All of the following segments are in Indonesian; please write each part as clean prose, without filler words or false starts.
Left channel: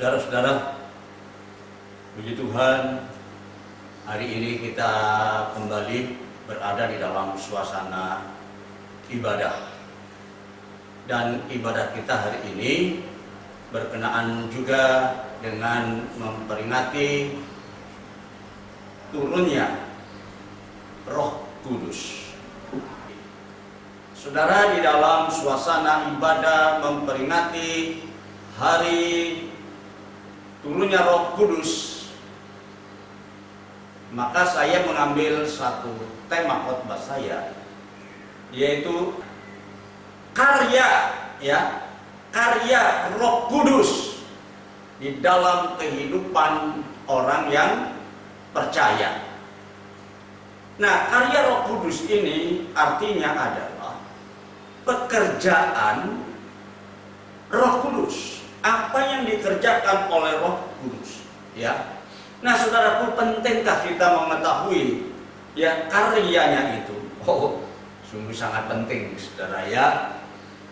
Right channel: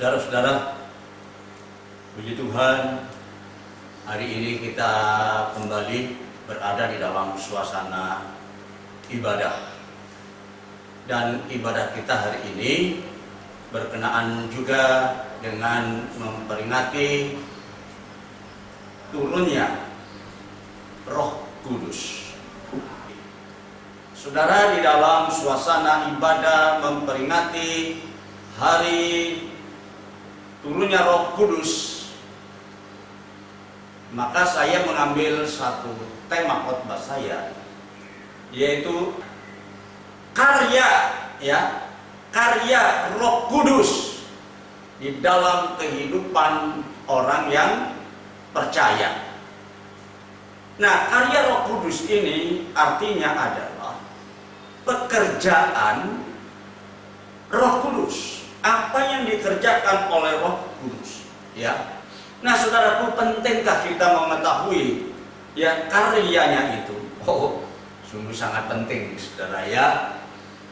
Saudara-saudara, puji Tuhan, hari ini kita kembali berada di dalam suasana ibadah. Dan ibadah kita hari ini berkenaan juga dengan memperingati turunnya Roh Kudus. Saudara, di dalam suasana ibadah memperingati hari turunnya Roh Kudus, maka saya mengambil satu tema khotbah saya, yaitu karya Roh Kudus di dalam kehidupan orang yang percaya. Nah, karya Roh Kudus ini artinya adalah pekerjaan Roh Kudus. Apa yang dikerjakan oleh Roh Kudus, ya. Nah, saudaraku, pentingkah kita mengetahui ya karyanya itu? Oh, sungguh sangat penting, saudara ya.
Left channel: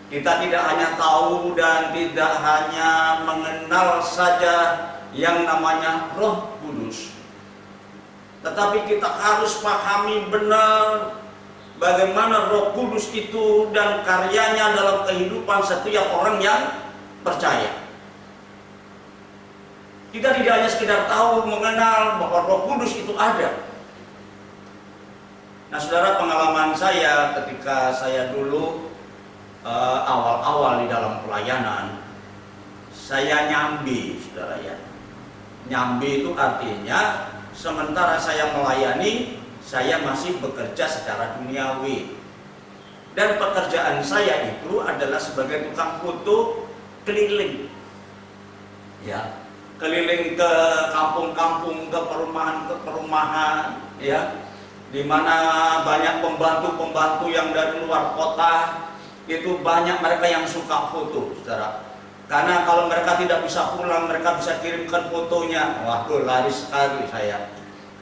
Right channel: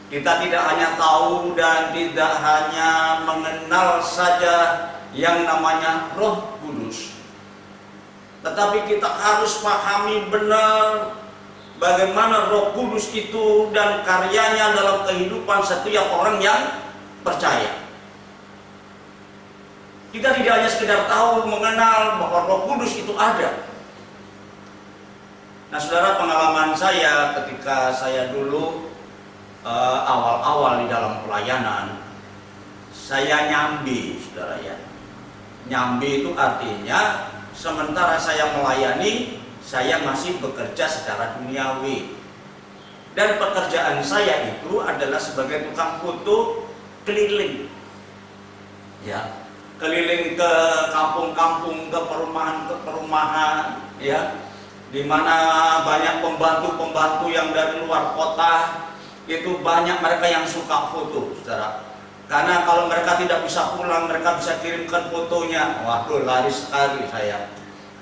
Kita tidak hanya tahu dan tidak hanya mengenal saja yang namanya Roh Kudus, tetapi kita harus pahami benar bagaimana Roh Kudus itu dan karyanya dalam kehidupan setiap orang yang percaya. Kita tidak hanya sekedar tahu, mengenal bahwa Roh Kudus itu ada. Nah, saudara, pengalaman saya ketika saya dulu awal-awal di dalam pelayanan, saya nyambi, saudara ya. Nyambi itu artinya sementara saya melayani, saya masih bekerja secara duniawi. Dan pekerjaan saya itu adalah sebagai tukang foto keliling. Ya, keliling ke kampung-kampung, ke perumahan, ya, di mana banyak pembantu-pembantu yang dari luar kota. Itu banyak mereka yang suka foto, saudara. Karena kalau mereka tidak bisa pulang, mereka bisa kirimkan fotonya. Waduh, laris sekali saya,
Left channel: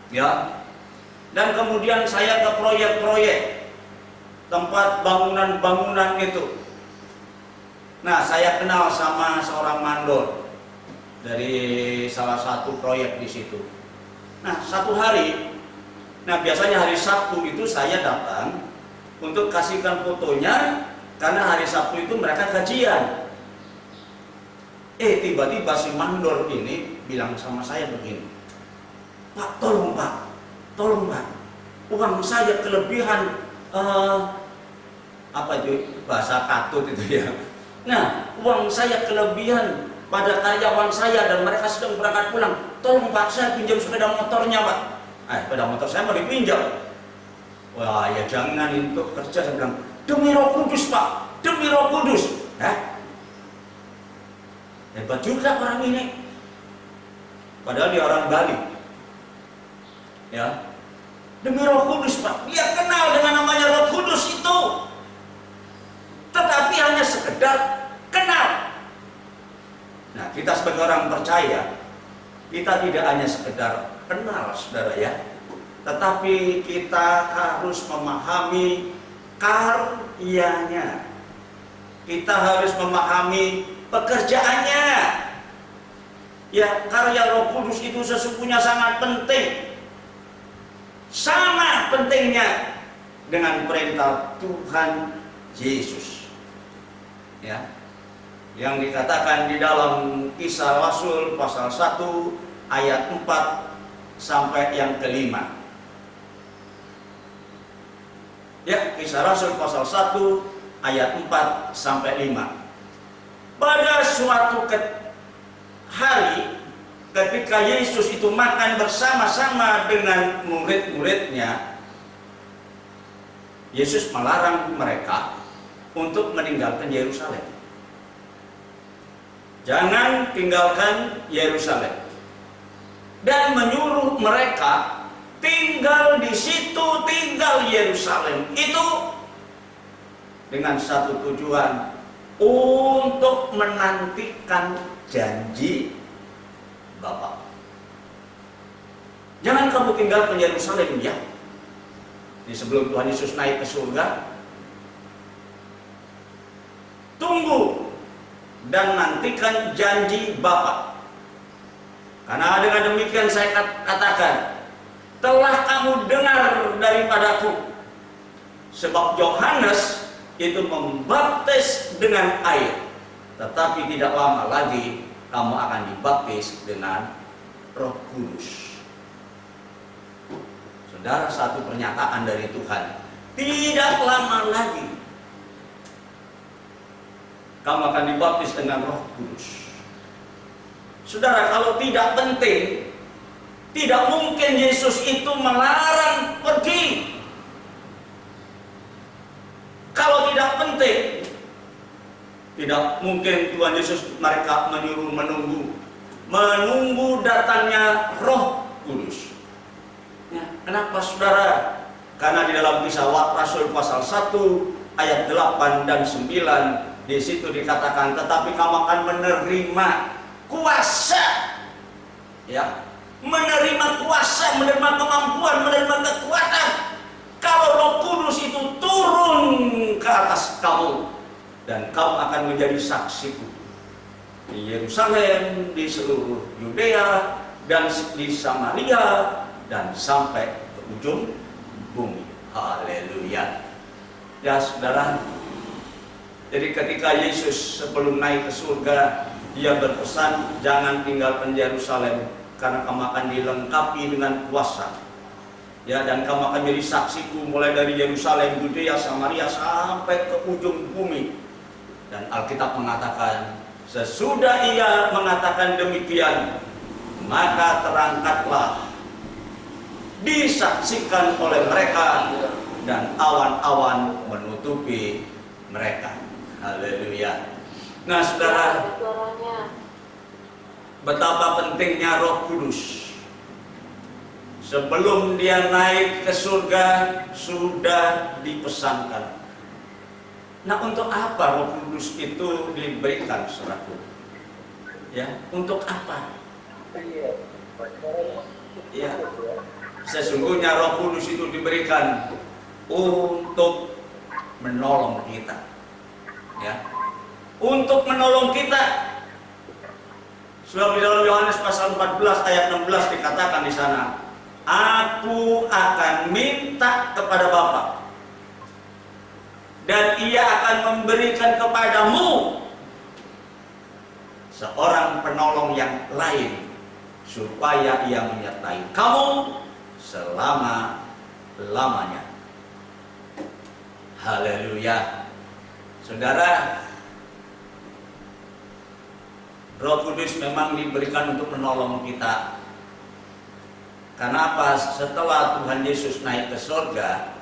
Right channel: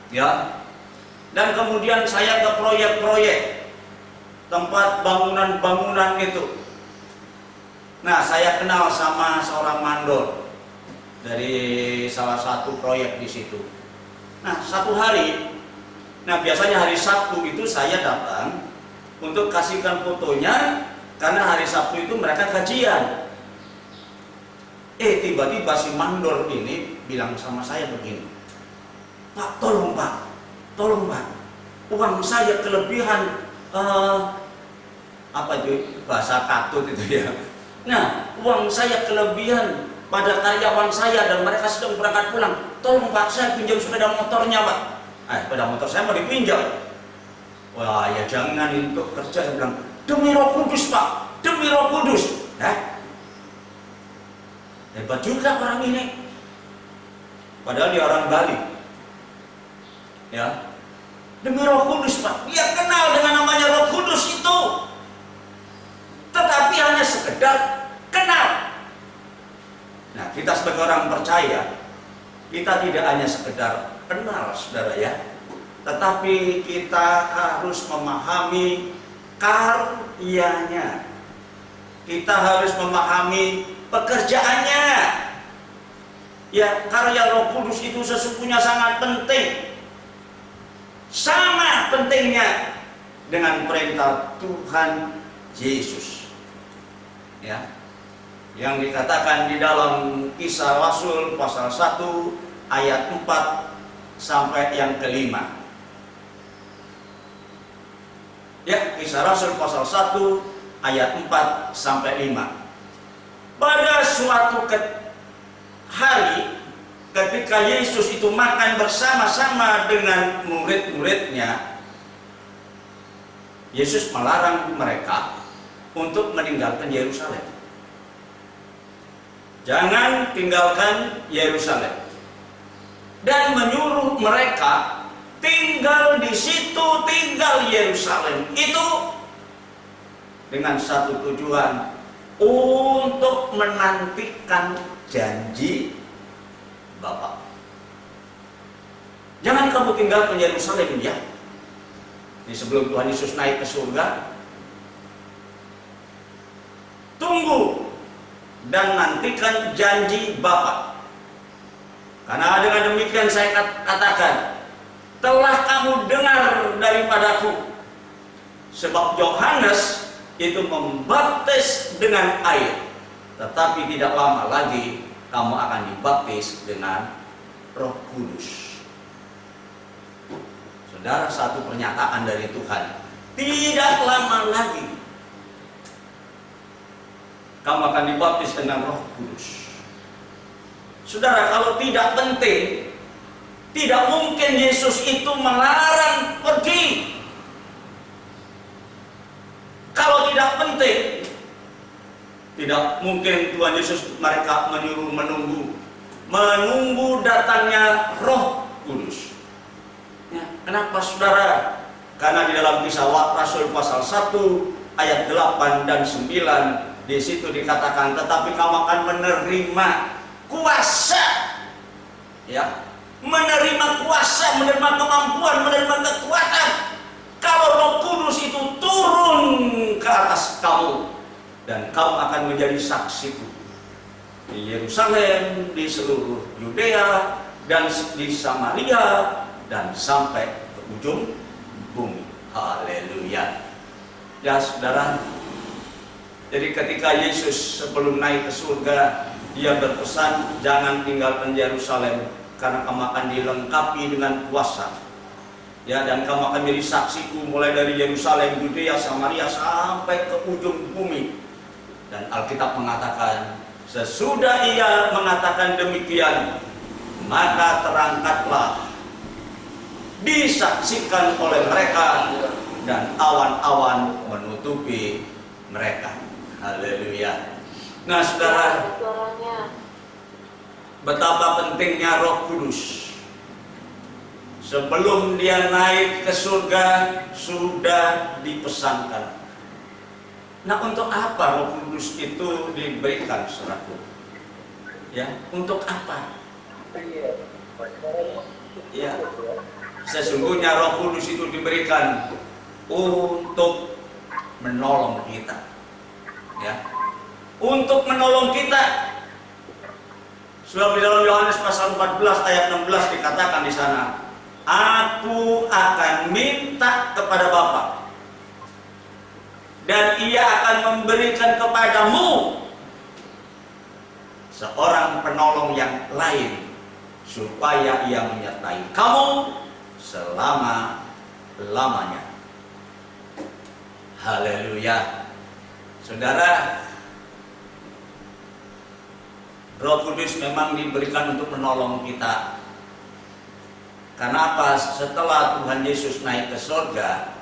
ya. Dan kemudian saya ke proyek-proyek tempat bangunan-bangunan itu. Nah, saya kenal sama seorang mandor dari salah satu proyek di situ. Nah, satu hari, biasanya hari Sabtu itu saya datang untuk kasihkan fotonya, karena hari Sabtu itu mereka kajian. Tiba-tiba si mandor ini bilang sama saya begini, Pak, tolong Pak, uang saya kelebihan, apa itu bahasa katut itu ya. Nah, uang saya kelebihan pada karyawan saya dan mereka sedang berangkat pulang. Tolong Pak, saya pinjam sepeda motornya Pak. Sepeda motor saya mau dipinjam. Wah, ya jangan untuk kerja. Saya bilang, demi Roh Kudus Pak, demi Roh Kudus. Hebat juga orang ini. Padahal dia orang Bali. Ya, demi Roh Kudus Pak. Dia kenal dengan namanya Roh Kudus itu. Tetapi hanya sekedar kenal. Nah, kita sebagai orang percaya, kita tidak hanya sekedar kenal, saudara ya, tetapi kita harus memahami karyanya. Kita harus memahami pekerjaannya. Ya, karya Roh Kudus itu sesungguhnya sangat penting. Sama pentingnya dengan perintah Tuhan Yesus. Ya, yang dikatakan di dalam Kisah Rasul pasal 1 ayat 4 sampai yang kelima. Ya, Kisah Rasul pasal 1 ayat 4 sampai 5. Pada suatu hari ketika Yesus itu makan bersama-sama dengan murid-muridnya, Yesus melarang mereka untuk meninggalkan Yerusalem. Jangan tinggalkan Yerusalem. Dan menyuruh mereka tinggal di situ, tinggal Yerusalem itu dengan satu tujuan, untuk menantikan janji Bapa. Jangan kamu tinggalkan Yerusalem ya. Ini sebelum Tuhan Yesus naik ke surga, tunggu dan nantikan janji Bapa. Karena dengan demikian saya katakan, telah kamu dengar daripadaku. Sebab Yohanes itu membaptis dengan air, tetapi tidak lama lagi kamu akan dibaptis dengan Roh Kudus. Saudara, satu pernyataan dari Tuhan, tidak lama lagi kamu akan dibaptis dengan Roh Kudus. Saudara, kalau tidak penting, tidak mungkin Yesus itu melarang pergi. Kalau tidak penting, tidak mungkin Tuhan Yesus mereka menyuruh menunggu datangnya Roh Kudus. Ya, kenapa saudara? Karena di dalam Kisah Rasul pasal 1 ayat 8 dan 9 di situ dikatakan, tetapi kamu akan menerima kuasa, ya, menerima kuasa, menerima kemampuan, menerima kekuatan kalau Roh Kudus itu turun ke atas kamu, dan kamu akan menjadi saksiku di Yerusalem, di seluruh Yudea dan di Samaria dan sampai ke ujung bumi. Haleluya. Ya saudara, jadi ketika Yesus sebelum naik ke surga, dia berpesan, jangan tinggalkan Yerusalem, karena kamu akan dilengkapi dengan kuasa. Ya, dan kamu akan jadi saksiku mulai dari Yerusalem, Yudea, Samaria sampai ke ujung bumi. Dan Alkitab mengatakan, sesudah ia mengatakan demikian, maka terangkatlah, disaksikan oleh mereka, dan awan-awan menutupi mereka. Haleluya. Nah saudara, betapa pentingnya Roh Kudus. Sebelum dia naik ke surga sudah dipesankan. Nah, untuk apa Roh Kudus itu diberikan, saudaraku? Ya, untuk apa? Ya, sesungguhnya Roh Kudus itu diberikan untuk menolong kita. Ya, untuk menolong kita. Sebab di dalam Yohanes pasal 14 ayat 16 dikatakan di sana, aku akan minta kepada Bapa, dan ia akan memberikan kepadamu seorang penolong yang lain, supaya ia menyertai kamu selama-lamanya. Haleluya. Saudara, Roh Kudus memang diberikan untuk menolong kita. Karena apa? Setelah Tuhan Yesus naik ke surga,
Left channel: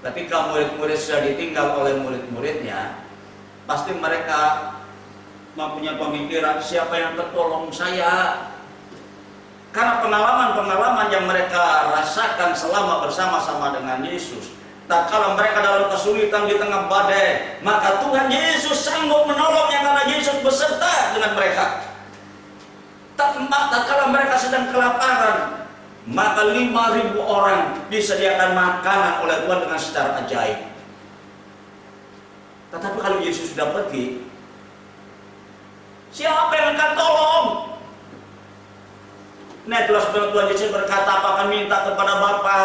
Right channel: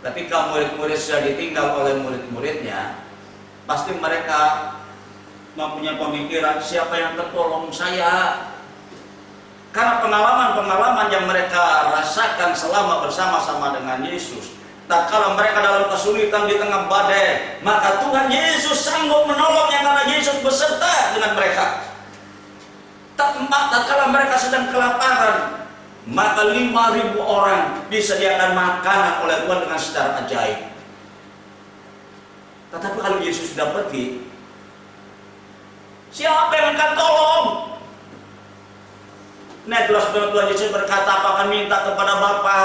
ketika murid-murid sudah ditinggal oleh murid-muridnya, pasti mereka mempunyai pemikiran, siapa yang tertolong saya? Karena pengalaman-pengalaman yang mereka rasakan selama bersama-sama dengan Yesus. Tatkala mereka dalam kesulitan di tengah badai, maka Tuhan Yesus sanggup menolongnya karena Yesus beserta dengan mereka. Tatkala mereka sedang kelaparan, maka 5.000 orang disediakan makanan oleh Tuhan dengan secara ajaib. Tetapi kalau Yesus sudah pergi, siapa yang akan tolong? Nah, itulah sebab Tuhan Yesus berkata, apa akan minta kepada Bapa,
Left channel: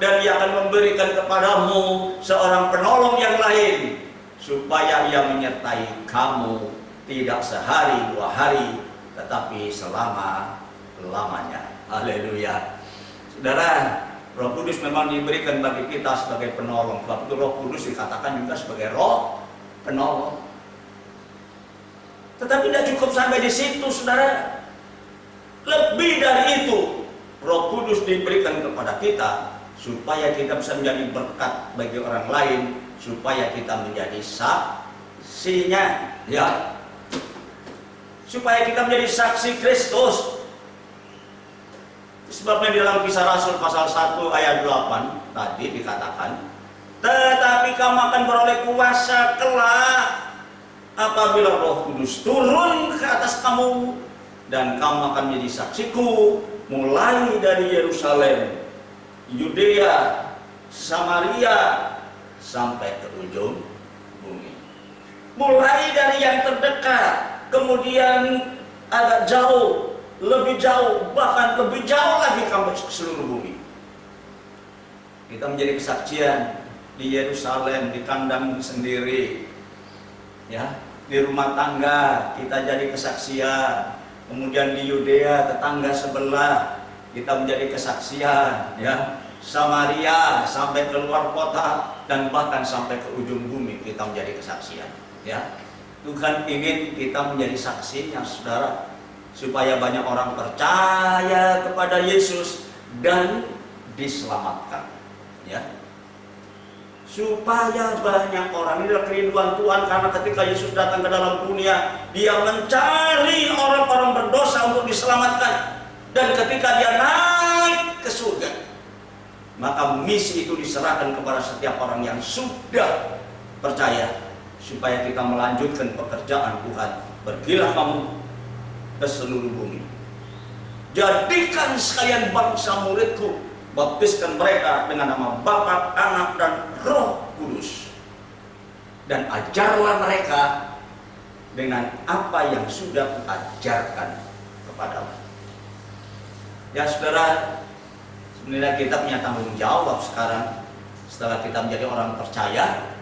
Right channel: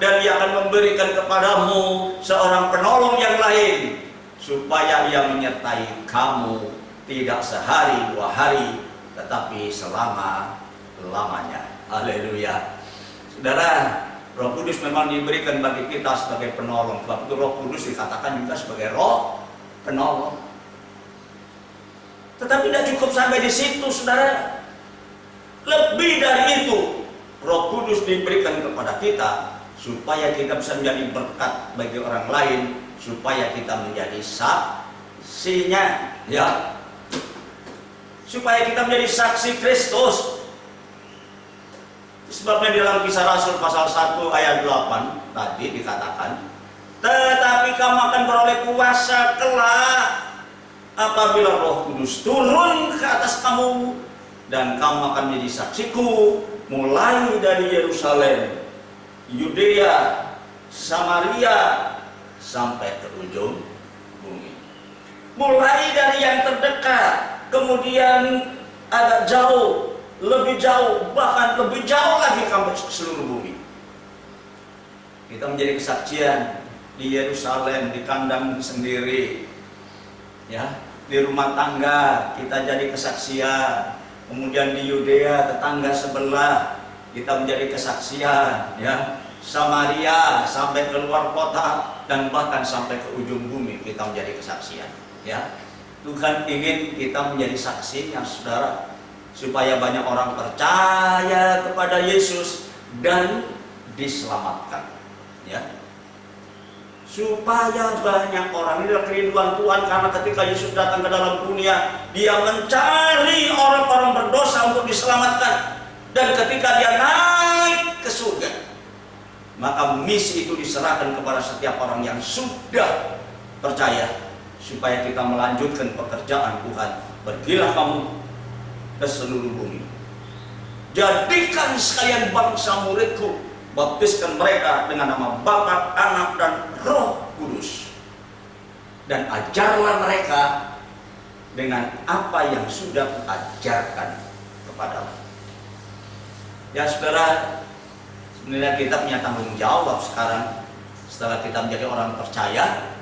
dan ia akan memberikan kepadamu seorang penolong yang lain, supaya ia menyertai kamu tidak sehari 2 hari, tetapi selama-lamanya. Haleluya. Saudara, Roh Kudus memang diberikan bagi kita sebagai penolong. Sebab itu Roh Kudus dikatakan juga sebagai Roh penolong. Tetapi tidak cukup sampai di situ, saudara. Lebih dari itu, Roh Kudus diberikan kepada kita supaya kita bisa menjadi berkat bagi orang lain, supaya kita menjadi saksinya, ya. Supaya kita menjadi saksi Kristus. Sebabnya di dalam Kisah Rasul pasal 1 ayat 8 tadi dikatakan, tetapi kamu akan beroleh kuasa kelak apabila Roh Kudus turun ke atas kamu, dan kamu akan menjadi saksiku mulai dari Yerusalem, Yudea, Samaria sampai ke ujung bumi. Mulai dari yang terdekat, kemudian agak jauh, lebih jauh, bahkan lebih jauh lagi sampai ke seluruh bumi. Kita menjadi kesaksian di Yerusalem, di kandang sendiri, ya, di rumah tangga kita jadi kesaksian, kemudian di Yudea tetangga sebelah kita menjadi kesaksian, ya, Samaria sampai ke luar kota dan bahkan sampai ke ujung bumi kita menjadi kesaksian, ya. Tuhan ingin kita menjadi saksinya, saudara, supaya banyak orang percaya kepada Yesus dan diselamatkan, ya. Supaya banyak orang, ini adalah kerinduan Tuhan, karena ketika Yesus datang ke dalam dunia, Dia mencari orang-orang berdosa untuk diselamatkan. Dan ketika Dia naik ke surga, maka misi itu diserahkan kepada setiap orang yang sudah percaya, supaya kita melanjutkan pekerjaan Tuhan. Pergilah kamu ke seluruh bumi, jadikan sekalian bangsa muridku, baptiskan mereka dengan nama Bapa, Anak, dan Roh Kudus, dan ajarlah mereka dengan apa yang sudah kuajarkan kepadamu. Ya saudara, sebenarnya kita punya tanggung jawab sekarang. Setelah kita menjadi orang percaya,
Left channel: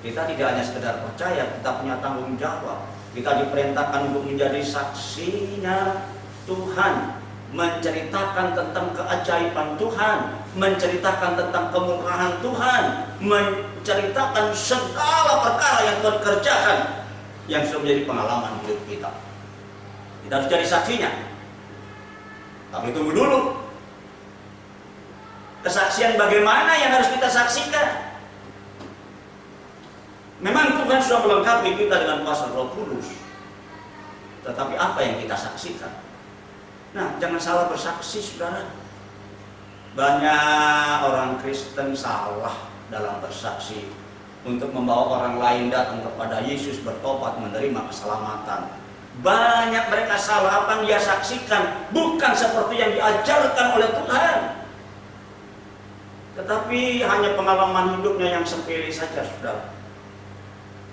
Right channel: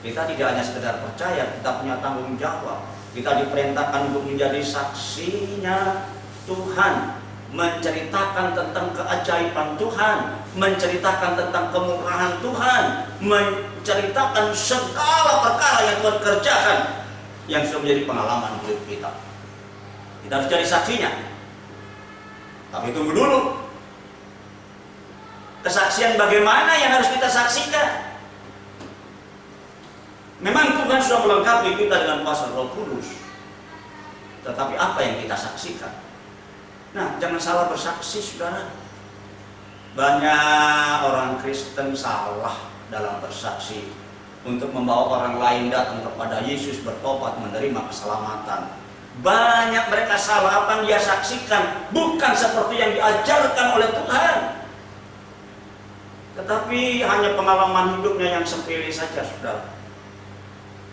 kita tidak hanya sekedar percaya, kita punya tanggung jawab. Kita diperintahkan untuk menjadi saksinya Tuhan, menceritakan tentang keajaiban Tuhan, menceritakan tentang kemurahan Tuhan, menceritakan segala perkara yang Tuhan kerjakan yang sudah menjadi pengalaman hidup kita. Kita harus jadi saksinya. Tapi tunggu dulu, kesaksian bagaimana yang harus kita saksikan? Memang Tuhan sudah melengkapi kita dengan kuasa Roh Kudus, tetapi apa yang kita saksikan? Nah, jangan salah bersaksi, saudara. Banyak orang Kristen salah dalam bersaksi untuk membawa orang lain datang kepada Yesus, bertobat, menerima keselamatan. Banyak mereka salah, apa yang dia saksikan bukan seperti yang diajarkan oleh Tuhan, tetapi hanya pengalaman hidupnya yang sepele saja, saudara.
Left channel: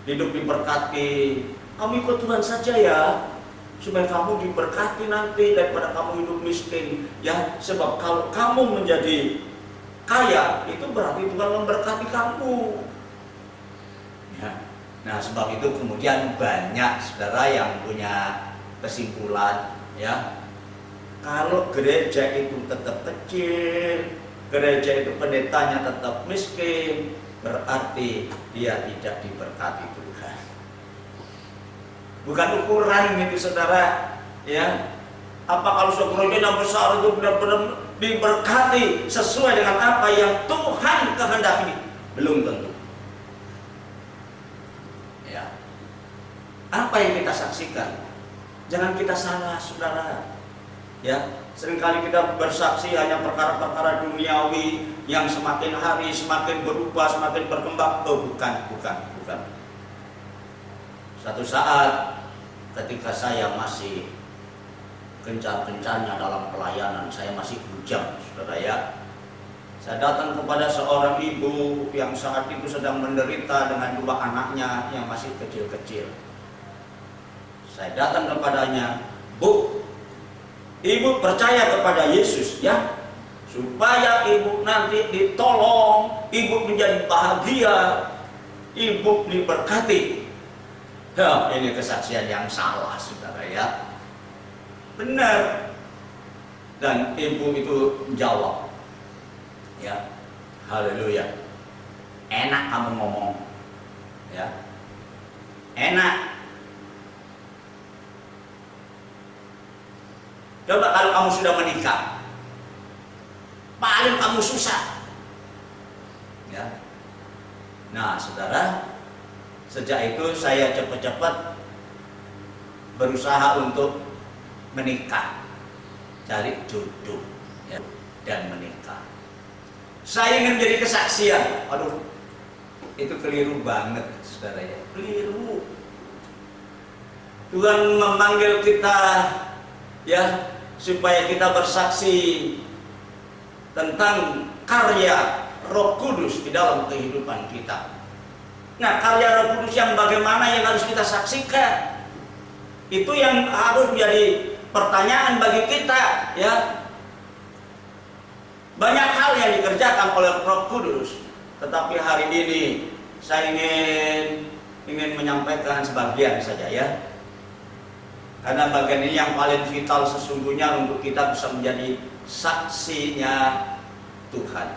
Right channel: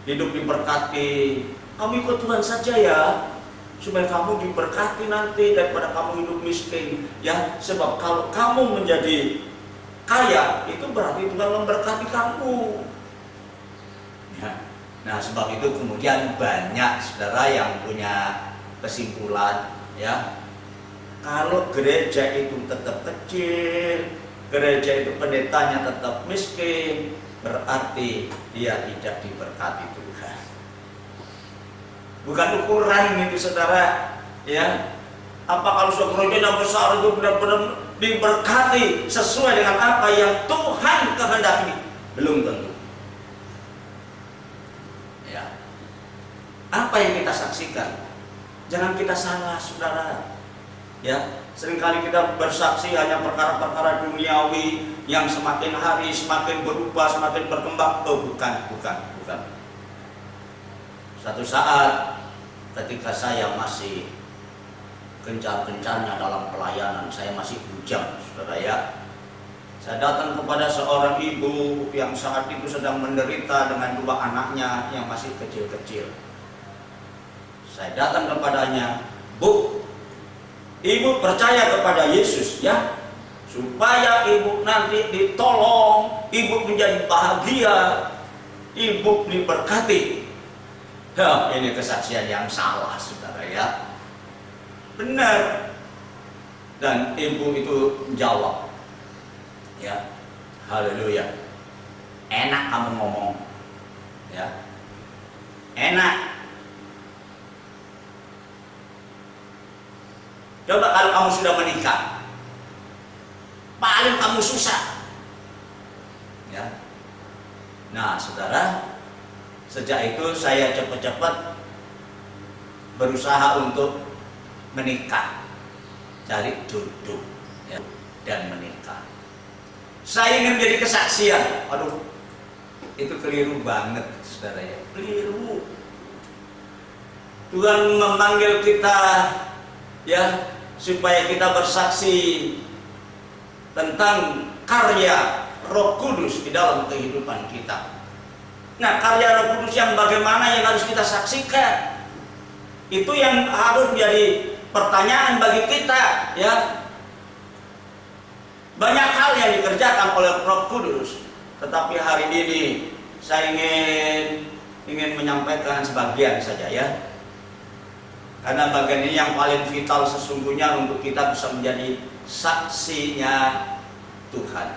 Hidup diberkati, kamu ikut Tuhan saja ya, supaya kamu diberkati nanti daripada kamu hidup miskin, ya. Sebab kalau kamu menjadi kaya, itu berarti Tuhan memberkati kamu, ya. Nah, sebab itu kemudian banyak saudara yang punya kesimpulan, ya, kalau gereja itu tetap kecil, gereja itu pendetanya tetap miskin, berarti dia tidak diberkati Tuhan. Bukan ukuran itu, saudara, ya. Apa kalau suatu gereja yang besar itu benar-benar diberkati sesuai dengan apa yang Tuhan kehendaki? Belum tentu. Ya. Apa yang kita saksikan? Jangan kita salah, saudara. Ya, seringkali kita bersaksi hanya perkara-perkara duniawi yang semakin hari semakin berubah, semakin berkembang. Oh, bukan. Satu saat ketika saya masih gencar-gencarnya dalam pelayanan, saya masih bujang, saudara, ya. Saya datang kepada seorang ibu yang saat itu sedang menderita dengan 2 anaknya yang masih kecil-kecil. Saya datang kepadanya, Bu, Ibu percaya kepada Yesus, ya, supaya ibu nanti ditolong, ibu menjadi bahagia, ibu diberkati. Ya, ini kesaksian yang salah, saudara, ya. Benar. Dan ibu itu menjawab, ya, haleluya, enak kamu ngomong, ya, enak. Coba kalau kamu sudah menikah, paling kamu susah, ya. Nah, saudara, sejak itu saya cepat-cepat berusaha untuk menikah, cari jodoh, ya, dan menikah. Saya ingin menjadi kesaksian. Aduh, itu keliru banget, saudara, ya, keliru. Tuhan memanggil kita, ya, supaya kita bersaksi tentang karya Roh Kudus di dalam kehidupan kita. Nah, karya Roh Kudus yang bagaimana yang harus kita saksikan? Itu yang harus menjadi pertanyaan bagi kita, ya. Banyak hal yang dikerjakan oleh Roh Kudus, tetapi hari ini saya ingin menyampaikan sebagian saja, ya. Karena bagian ini yang paling vital sesungguhnya untuk kita bisa menjadi saksinya Tuhan.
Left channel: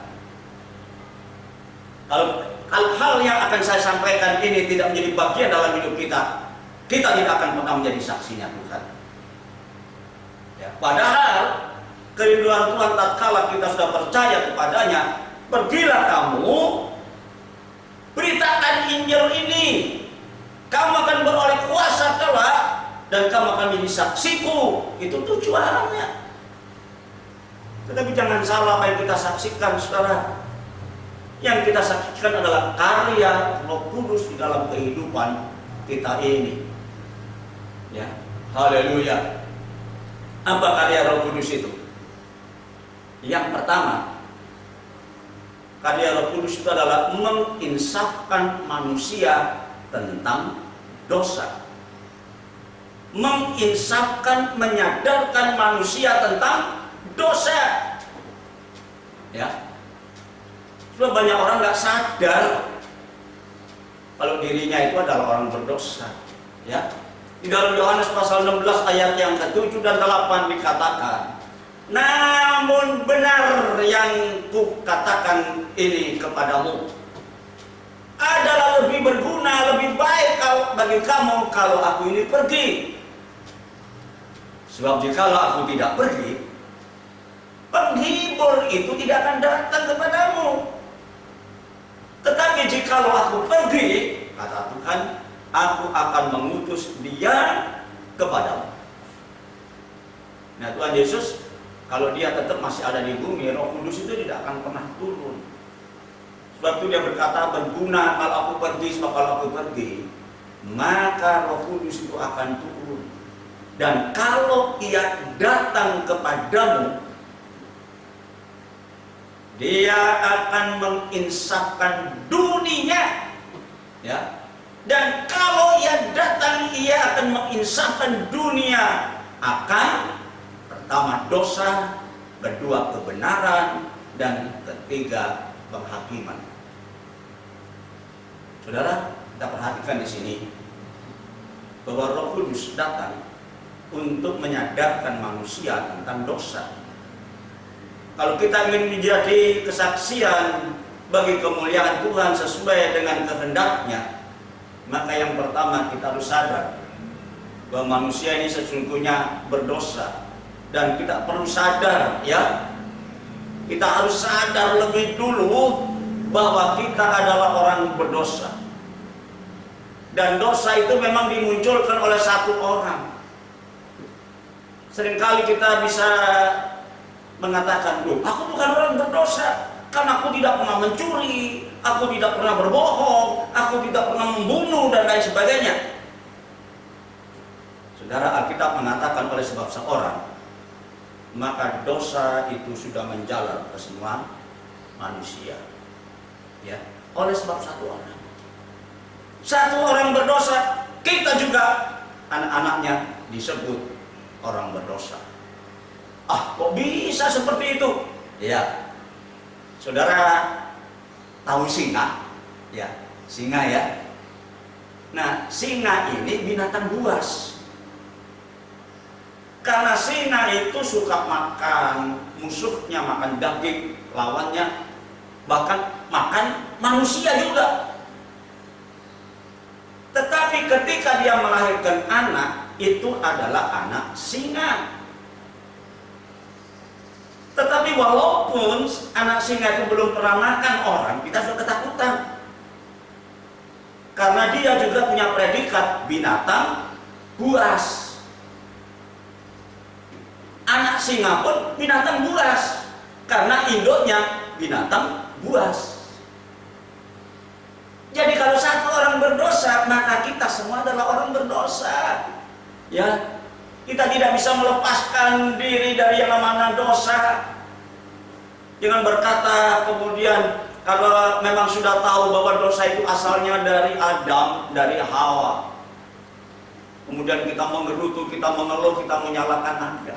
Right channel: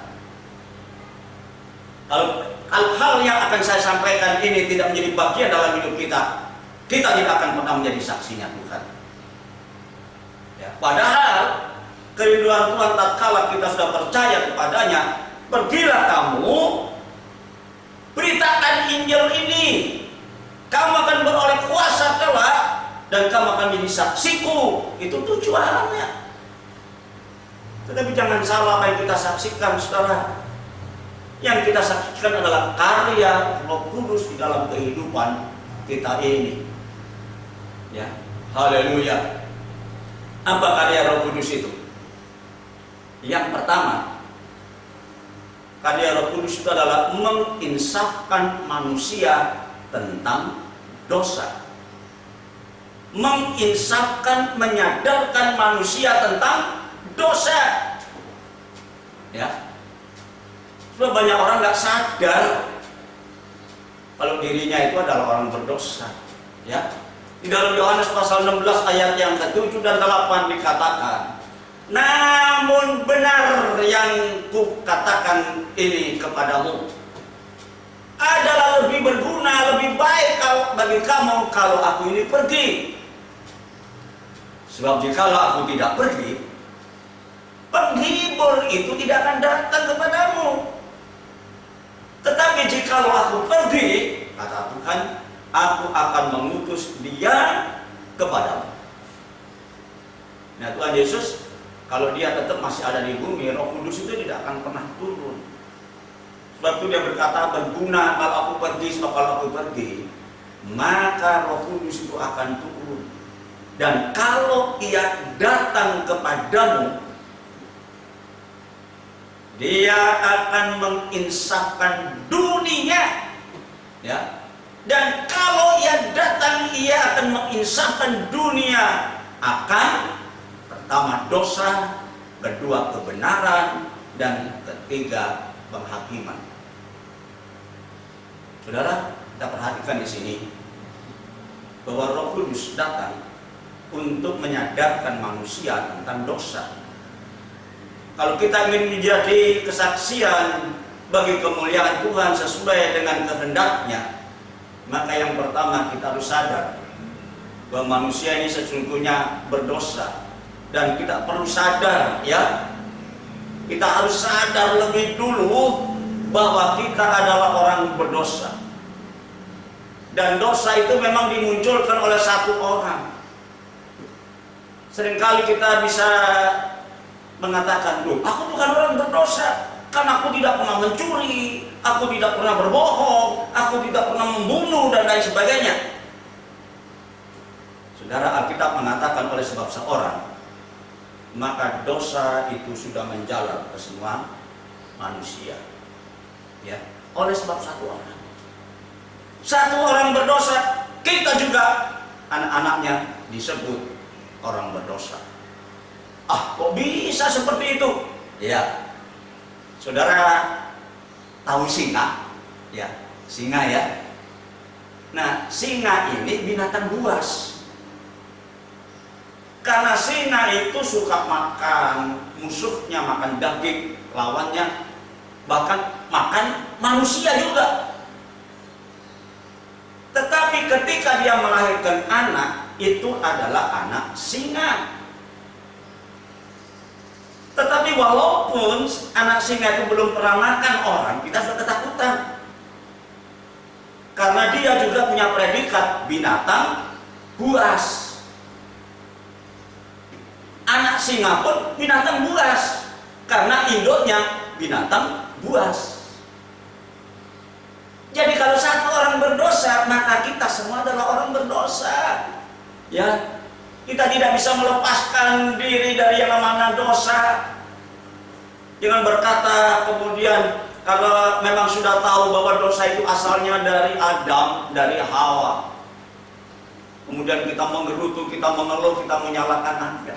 Kalau hal-hal yang akan saya sampaikan ini tidak menjadi bagian dalam hidup kita, kita tidak akan pernah menjadi saksinya Tuhan. Ya, padahal kerinduan Tuhan tatkala kita sudah percaya kepadanya, pergilah kamu, beritakan Injil ini, kamu akan beroleh kuasa kelak, dan kamu akan menjadi saksiku. Itu tujuannya. Tetapi jangan salah apa yang kita saksikan, saudara. Yang kita saksikan adalah karya Roh Kudus di dalam kehidupan kita ini. Ya, haleluya. Apa karya Roh Kudus itu? Yang pertama, karya Roh Kudus itu adalah menginsafkan manusia tentang dosa. Menginsafkan, menyadarkan manusia tentang dosa. Ya. Sudah banyak orang nggak sadar kalau dirinya itu adalah orang berdosa. Ya. Di dalam Yohanes pasal 16 ayat yang ke-7 dan 8 dikatakan, namun benar yang kukatakan ini kepadamu adalah lebih berguna, lebih baik bagi kamu kalau aku ini pergi. Sebab jikalau aku tidak pergi, penghibur itu tidak akan datang kepadamu. Tetapi jikalau aku pergi, kata Tuhan, aku akan mengutus dia kepadamu. Nah, Tuhan Yesus, kalau dia tetap masih ada di bumi, Roh Kudus itu tidak akan pernah turun. Sebab itu dia berkata, berguna kalau aku pergi, sebab kalau aku pergi, maka Roh Kudus itu akan turun. Dan kalau ia datang kepadamu, dia akan menginsafkan dunia, ya. Dan kalau ia datang, ia akan menginsafkan dunia akan pertama dosa, kedua kebenaran, dan ketiga penghakiman. Saudara, kita perhatikan di sini bahwa Roh Kudus datang untuk menyadarkan manusia tentang dosa. Kalau kita ingin menjadi kesaksian bagi kemuliaan Tuhan sesuai dengan kehendaknya, maka yang pertama kita harus sadar bahwa manusia ini sesungguhnya berdosa. Dan kita perlu sadar, ya, kita harus sadar lebih dulu bahwa kita adalah orang berdosa. Dan dosa itu memang dimunculkan oleh satu orang. Seringkali kita bisa mengatakan, loh, aku bukan orang berdosa, karena aku tidak pernah mencuri, aku tidak pernah berbohong, aku tidak pernah membunuh, dan lain sebagainya. Saudara, Alkitab mengatakan oleh sebab seorang, maka dosa itu sudah menjalar ke semua manusia. Ya, oleh sebab satu orang. Satu orang berdosa, kita juga anak-anaknya disebut orang berdosa. Ah, kok bisa seperti itu? Ya, saudara tahu singa? Ya, singa, ya. Nah, singa ini binatang buas. Karena singa itu suka makan musuhnya, makan daging lawannya, bahkan makan manusia juga. Tetapi ketika dia melahirkan anak, itu adalah anak singa. Tetapi walaupun anak singa itu belum pernah makan orang, kita sudah ketakutan. Karena dia juga punya predikat binatang buas. Anak singa pun binatang buas, karena induknya binatang buas. Jadi kalau satu orang berdosa, maka kita semua adalah orang berdosa. Ya, kita tidak bisa melepaskan diri dari yang namanya dosa. Jangan berkata kemudian kalau memang sudah tahu bahwa dosa itu asalnya dari Adam, dari Hawa. kemudian kita menggerutu, kita mengeluh, kita menyalahkan Anda.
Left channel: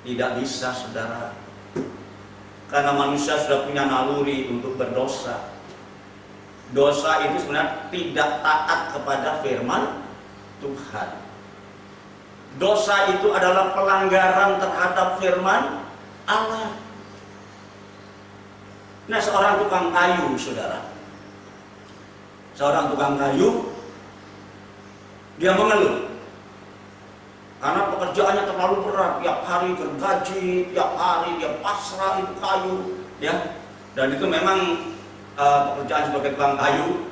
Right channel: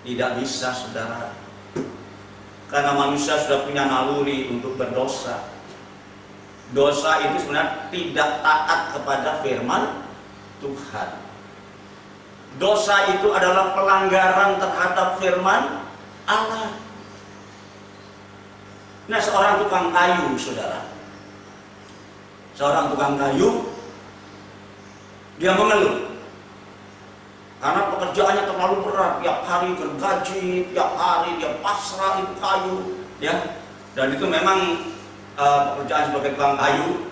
Tidak bisa, saudara. Karena manusia sudah punya naluri untuk berdosa. Dosa itu sebenarnya tidak taat kepada firman Tuhan. Dosa itu adalah pelanggaran terhadap firman Allah. Nah, seorang tukang kayu, saudara. Seorang tukang kayu, dia mengeluh karena pekerjaannya terlalu berat, tiap hari gergaji, tiap hari dia pasrah itu kayu, ya. Dan itu memang pekerjaan sebagai tukang kayu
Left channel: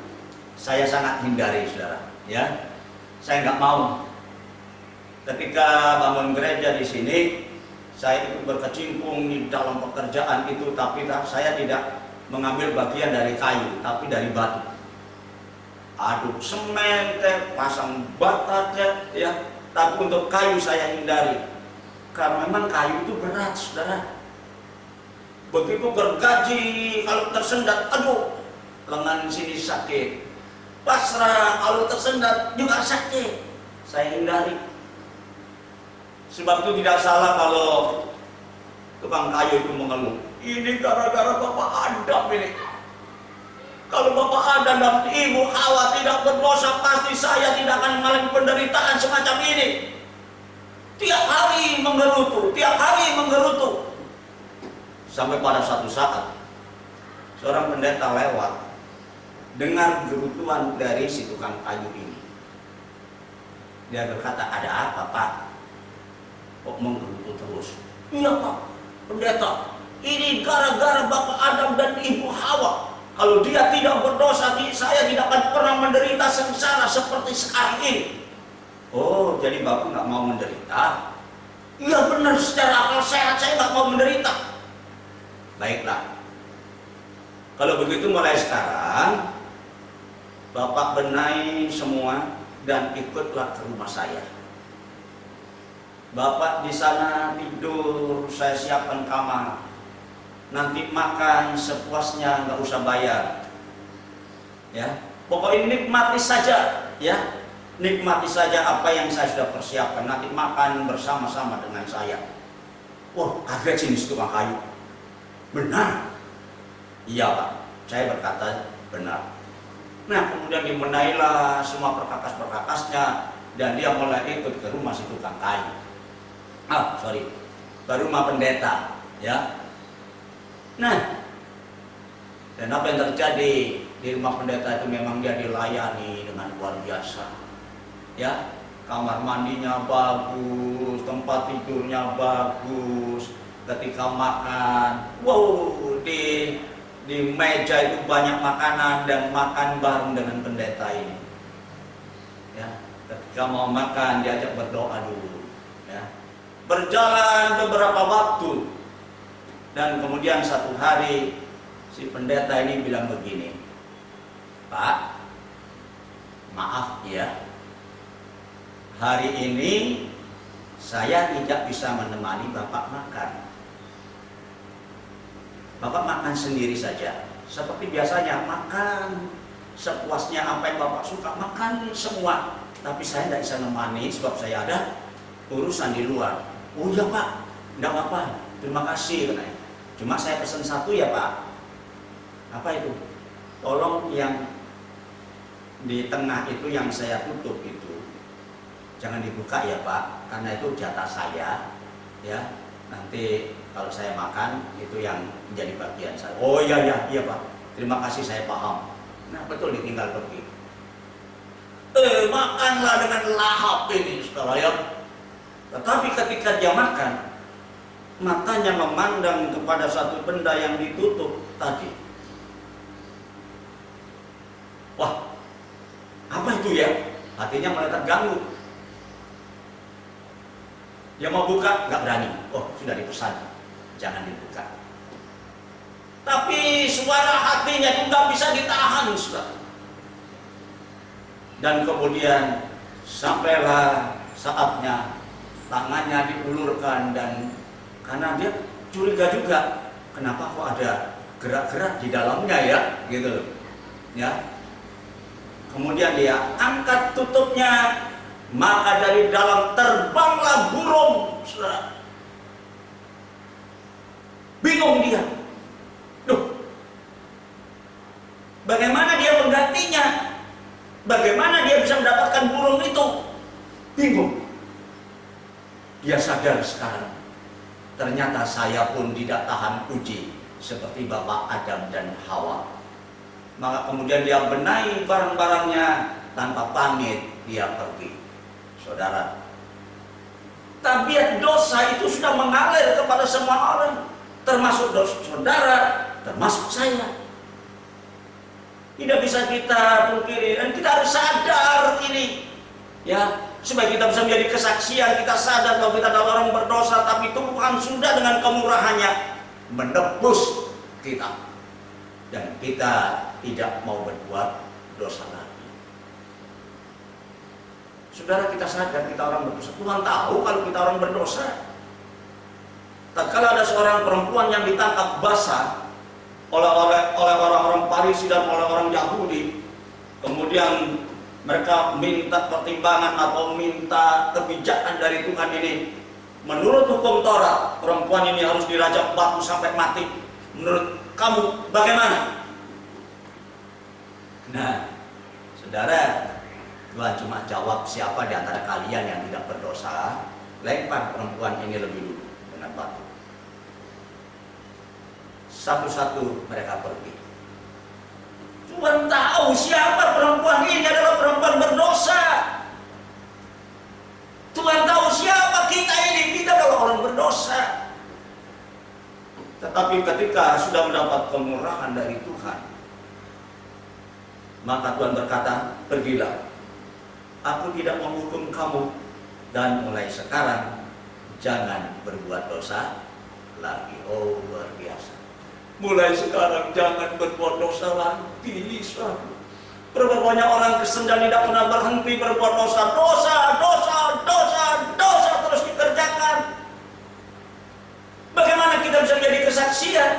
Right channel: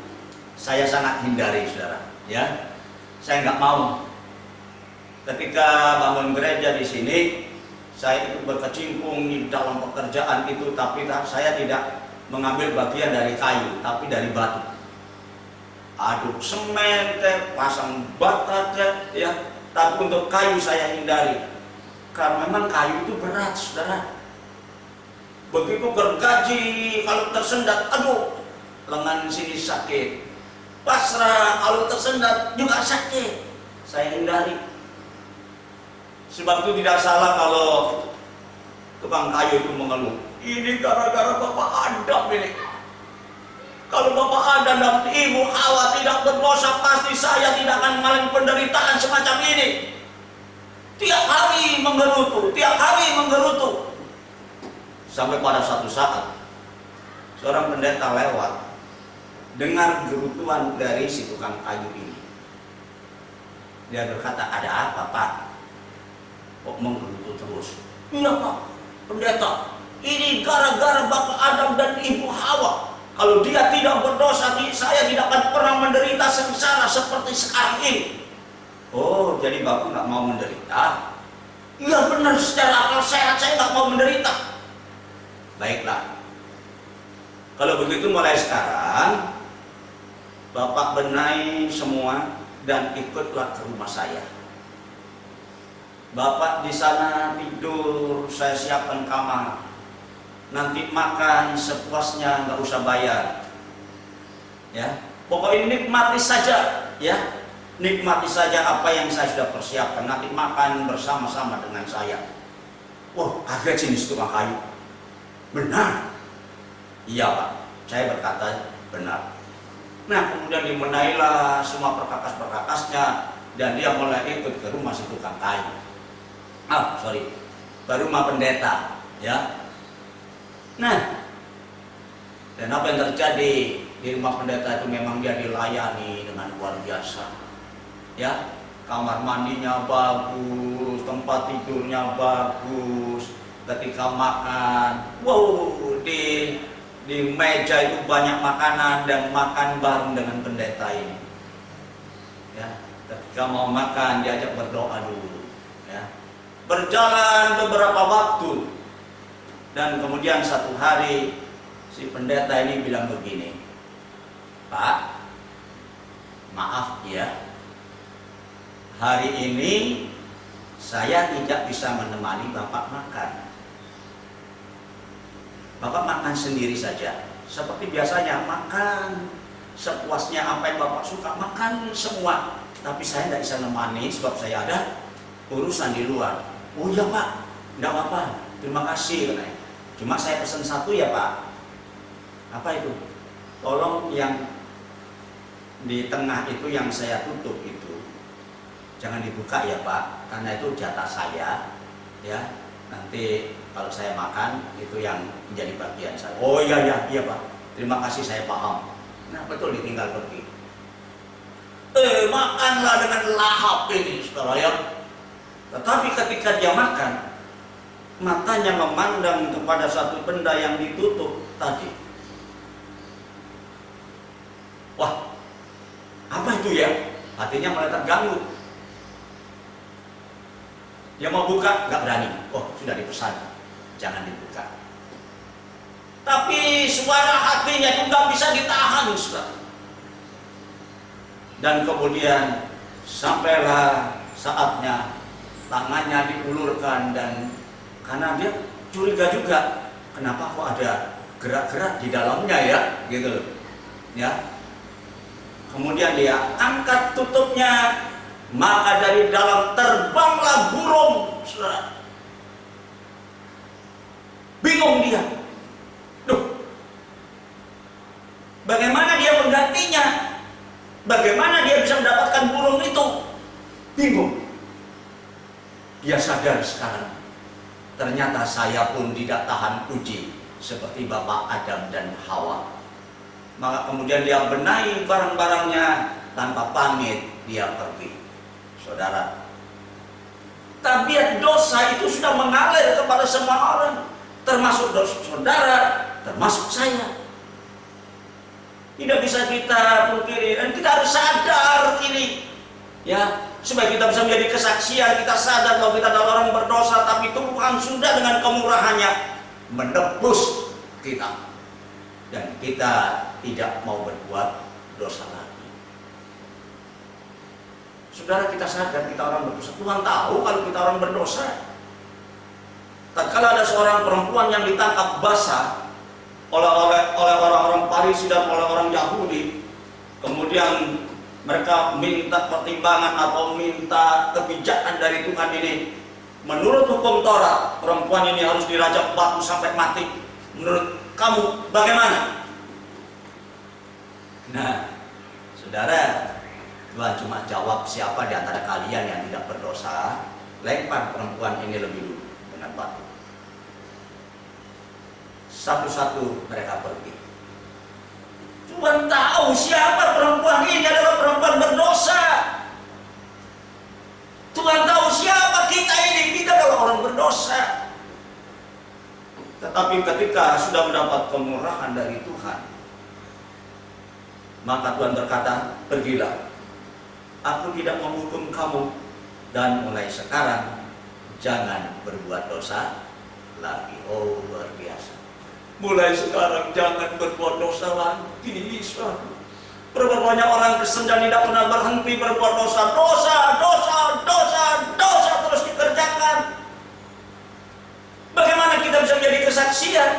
saya sangat hindari, saudara. Ya, saya nggak mau. Ketika bangun gereja di sini, saya ikut berkecimpung di dalam pekerjaan itu, tapi saya tidak mengambil bagian dari kayu, tapi dari batu. Aduk semen, pasang bata, ya. Tapi untuk kayu saya hindari, karena memang kayu itu berat, saudara. Begitu gergaji, kalau tersendat, aduh, lengan sini sakit. Pasrah, kalau tersendat juga sakit. Saya hindari. Sebab itu tidak salah kalau tukang kayu itu mengeluh. Ini gara-gara Bapak Adam ini. Kalau Bapak Adam dan Ibu Hawa tidak berdosa, pasti saya tidak akan mengalami penderitaan semacam ini. Tiap hari menggerutu, tiap hari menggerutu. Sampai pada satu saat, seorang pendeta lewat, dengar gerutuan dari si tukang kayu ini. Dia berkata, ada apa, Pak? Kok menggerutu terus? Iya, Pak, pendeta, ini gara-gara Bapak Adam dan Ibu Hawa. Kalau dia tidak berdosa, saya tidak akan pernah menderita sengsara seperti sekarang ini. Oh, jadi Bapak nggak mau menderita? Iya benar, secara akal sehat saya nggak mau menderita. Baiklah, kalau begitu mulai sekarang Bapak benahi semua dan ikutlah ke rumah saya. Bapak di sana tidur, saya siapkan kamar. Nanti makan sepuasnya, nggak usah bayar. Ya, pokoknya nikmati saja, ya. Nikmati saja apa yang saya sudah persiapkan. Nanti makan bersama-sama dengan saya. Wah, kaget sini tukang kayu. Benar? Iya, Pak. Saya berkata benar. Nah, kemudian dimenailah semua perkakas-perkakasnya dan dia mulai ikut ke rumah si tukang kayu. Ke rumah pendeta, ya. Nah, dan apa yang terjadi di rumah pendeta itu memang dia dilayani dengan luar biasa. Ya, kamar mandinya bagus, tempat tidurnya bagus. Ketika makan, wow, di meja itu banyak makanan dan makan bareng dengan pendeta ini. Ya, ketika mau makan diajak berdoa dulu. Ya, berjalan beberapa waktu dan kemudian satu hari si pendeta ini bilang begini, Pak, maaf ya, hari ini saya tidak bisa menemani Bapak makan. Bapak makan sendiri saja, seperti biasanya, makan sepuasnya apa yang Bapak suka, makan semua. Tapi saya tidak bisa menemani sebab saya ada urusan di luar. Oh iya Pak, tidak apa-apa, terima kasih katanya. Cuma saya pesan satu ya Pak. Apa itu? Tolong yang di tengah itu yang saya tutup itu jangan dibuka ya Pak, karena itu jatah saya. Ya, nanti kalau saya makan itu yang menjadi bagian saya. Oh iya Pak, terima kasih, saya paham. Nah betul, ditinggal pergi. Makanlah dengan lahap ini saudara ya. Tetapi ketika dia makan, matanya memandang kepada satu benda yang ditutup tadi. Wah, apa itu ya? Hatinya mulai terganggu. Dia mau buka, nggak berani. Oh, sudah dipesan, jangan dibuka. Tapi suara hatinya itu nggak bisa ditahan, saudara. Dan kemudian sampailah saatnya tangannya diulurkan, dan karena dia curiga juga, kenapa kok ada gerak-gerak di dalamnya ya, gitu loh. Ya. Kemudian dia angkat tutupnya, maka dari dalam terbanglah burung, saudara. Bingung dia. Duh, bagaimana dia menggantinya? Bagaimana dia bisa mendapatkan burung itu? Bingung. Dia sadar sekarang, ternyata saya pun tidak tahan uji seperti Bapak Adam dan Hawa. Maka kemudian dia benahi barang-barangnya, tanpa pamit dia pergi. Saudara, tabiat dosa itu sudah mengalir kepada semua orang, termasuk dosa saudara, termasuk saya. Tidak bisa kita pungkiri, dan kita harus sadar ini, ya, supaya kita bisa menjadi kesaksian. Kita sadar bahwa kita adalah orang berdosa, tapi Tuhan sudah dengan kemurahannya menebus kita, dan kita tidak mau berbuat dosa lagi. Saudara, kita sadar kita orang berdosa. Tuhan tahu kalau kita orang berdosa. Tatkala ada seorang perempuan yang ditangkap basah oleh orang-orang Farisi dan oleh orang Yahudi, kemudian mereka minta pertimbangan atau minta kebijakan dari Tuhan ini. Menurut hukum Taurat, perempuan ini harus dirajam batu sampai mati. Menurut kamu bagaimana? Nah, saudara, Tuhan cuma jawab, siapa di antara kalian yang tidak berdosa, lempar perempuan ini lebih dulu dengan batu. Satu-satu mereka pergi. Tuhan tahu siapa perempuan ini adalah perempuan berdosa. Tuhan tahu siapa kita ini, kita adalah orang berdosa. Tetapi ketika sudah mendapat kemurahan dari Tuhan, maka Tuhan berkata, pergilah, aku tidak menghukum kamu, dan mulai sekarang jangan berbuat dosa lagi. Oh, luar biasa. Mulai sekarang jangan berbuat dosa lagi. Berapa banyak orang Kristen dan tidak pernah berhenti berbuat dosa. Dosa terus dikerjakan. Bagaimana kita bisa menjadi kesaksian?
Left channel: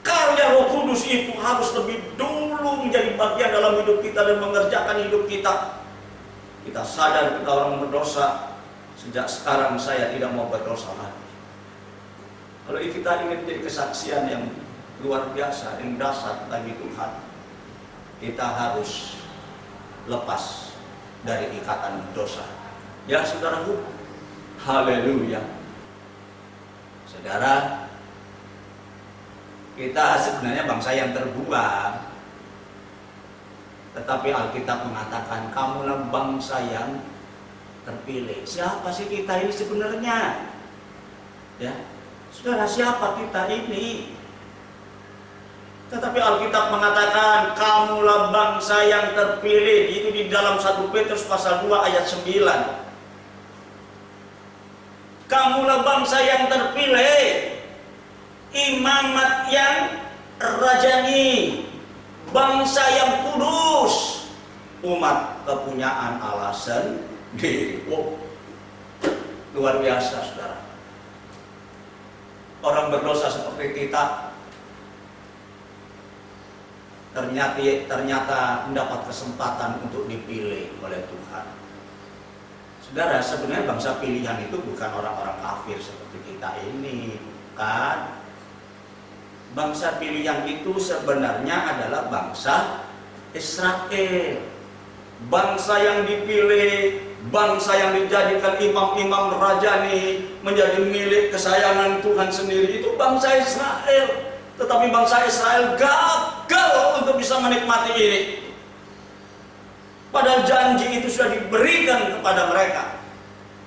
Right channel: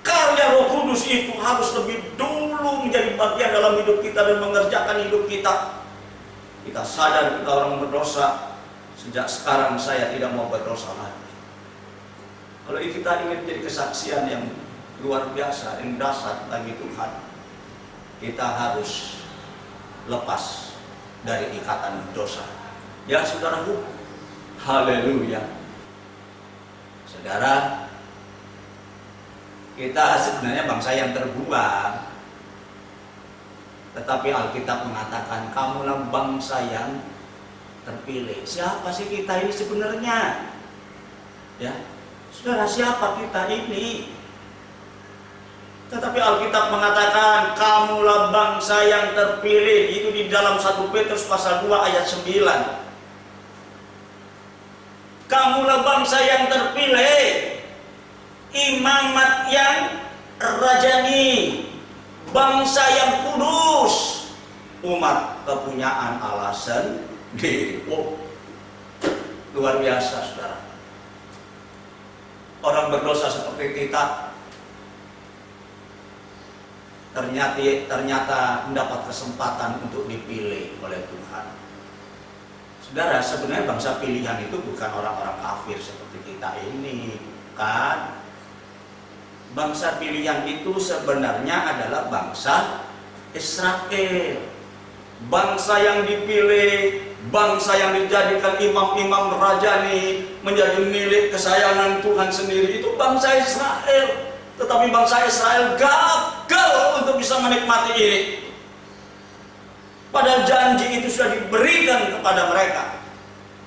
Karya Roh Kudus itu harus lebih dulu menjadi bagian dalam hidup kita dan mengerjakan hidup kita. Kita sadar kita orang berdosa. Sejak sekarang saya tidak mau berdosa lagi. Kalau kita ingin menjadi kesaksian yang luar biasa, yang dahsyat bagi Tuhan, kita harus lepas dari ikatan dosa. Ya saudaraku, haleluya. Saudara, kita sebenarnya bangsa yang terbuang, tetapi Alkitab mengatakan kamulah bangsa yang terpilih. Siapa sih kita ini sebenarnya? Ya, saudara, siapa kita ini? Tetapi Alkitab mengatakan kamulah bangsa yang terpilih. Itu di dalam 1 Petrus pasal 2 ayat 9. Kamulah bangsa yang terpilih, imamat yang rajani, bangsa yang kudus, umat kepunyaan Allah sendiri. Oh, luar biasa saudara. Orang berdosa seperti kita ternyata mendapat kesempatan untuk dipilih oleh Tuhan. Saudara, sebenarnya bangsa pilihan itu bukan orang-orang kafir seperti kita ini, bukan. Bangsa pilihan itu sebenarnya adalah bangsa Israel. Bangsa yang dipilih, bangsa yang dijadikan imam-imam rajani, menjadi milik kesayangan Tuhan sendiri, itu bangsa Israel. Tetapi bangsa Israel gagal untuk bisa menikmati ini. Padahal janji itu sudah diberikan kepada mereka.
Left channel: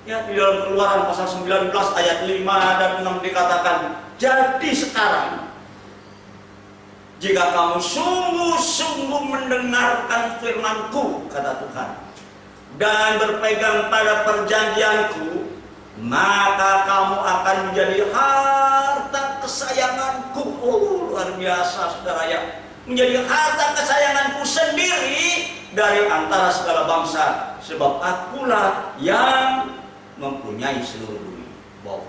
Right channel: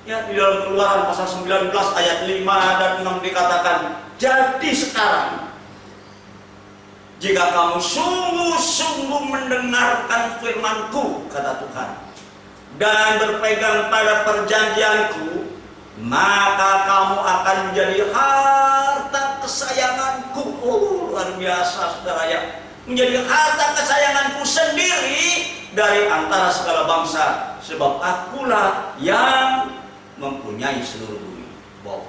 Ya, di dalam Keluaran pasal 19 ayat 5 dan 6 dikatakan, jadi sekarang jika kamu sungguh-sungguh mendengarkan firman-Ku, kata Tuhan, dan berpegang pada perjanjian-Ku, maka kamu akan menjadi harta kesayangan-Ku. Oh, luar biasa saudara ya. Menjadi harta kesayangan-Ku sendiri dari antara segala bangsa, sebab Akulah yang mempunyai seluruh dunia. Wow.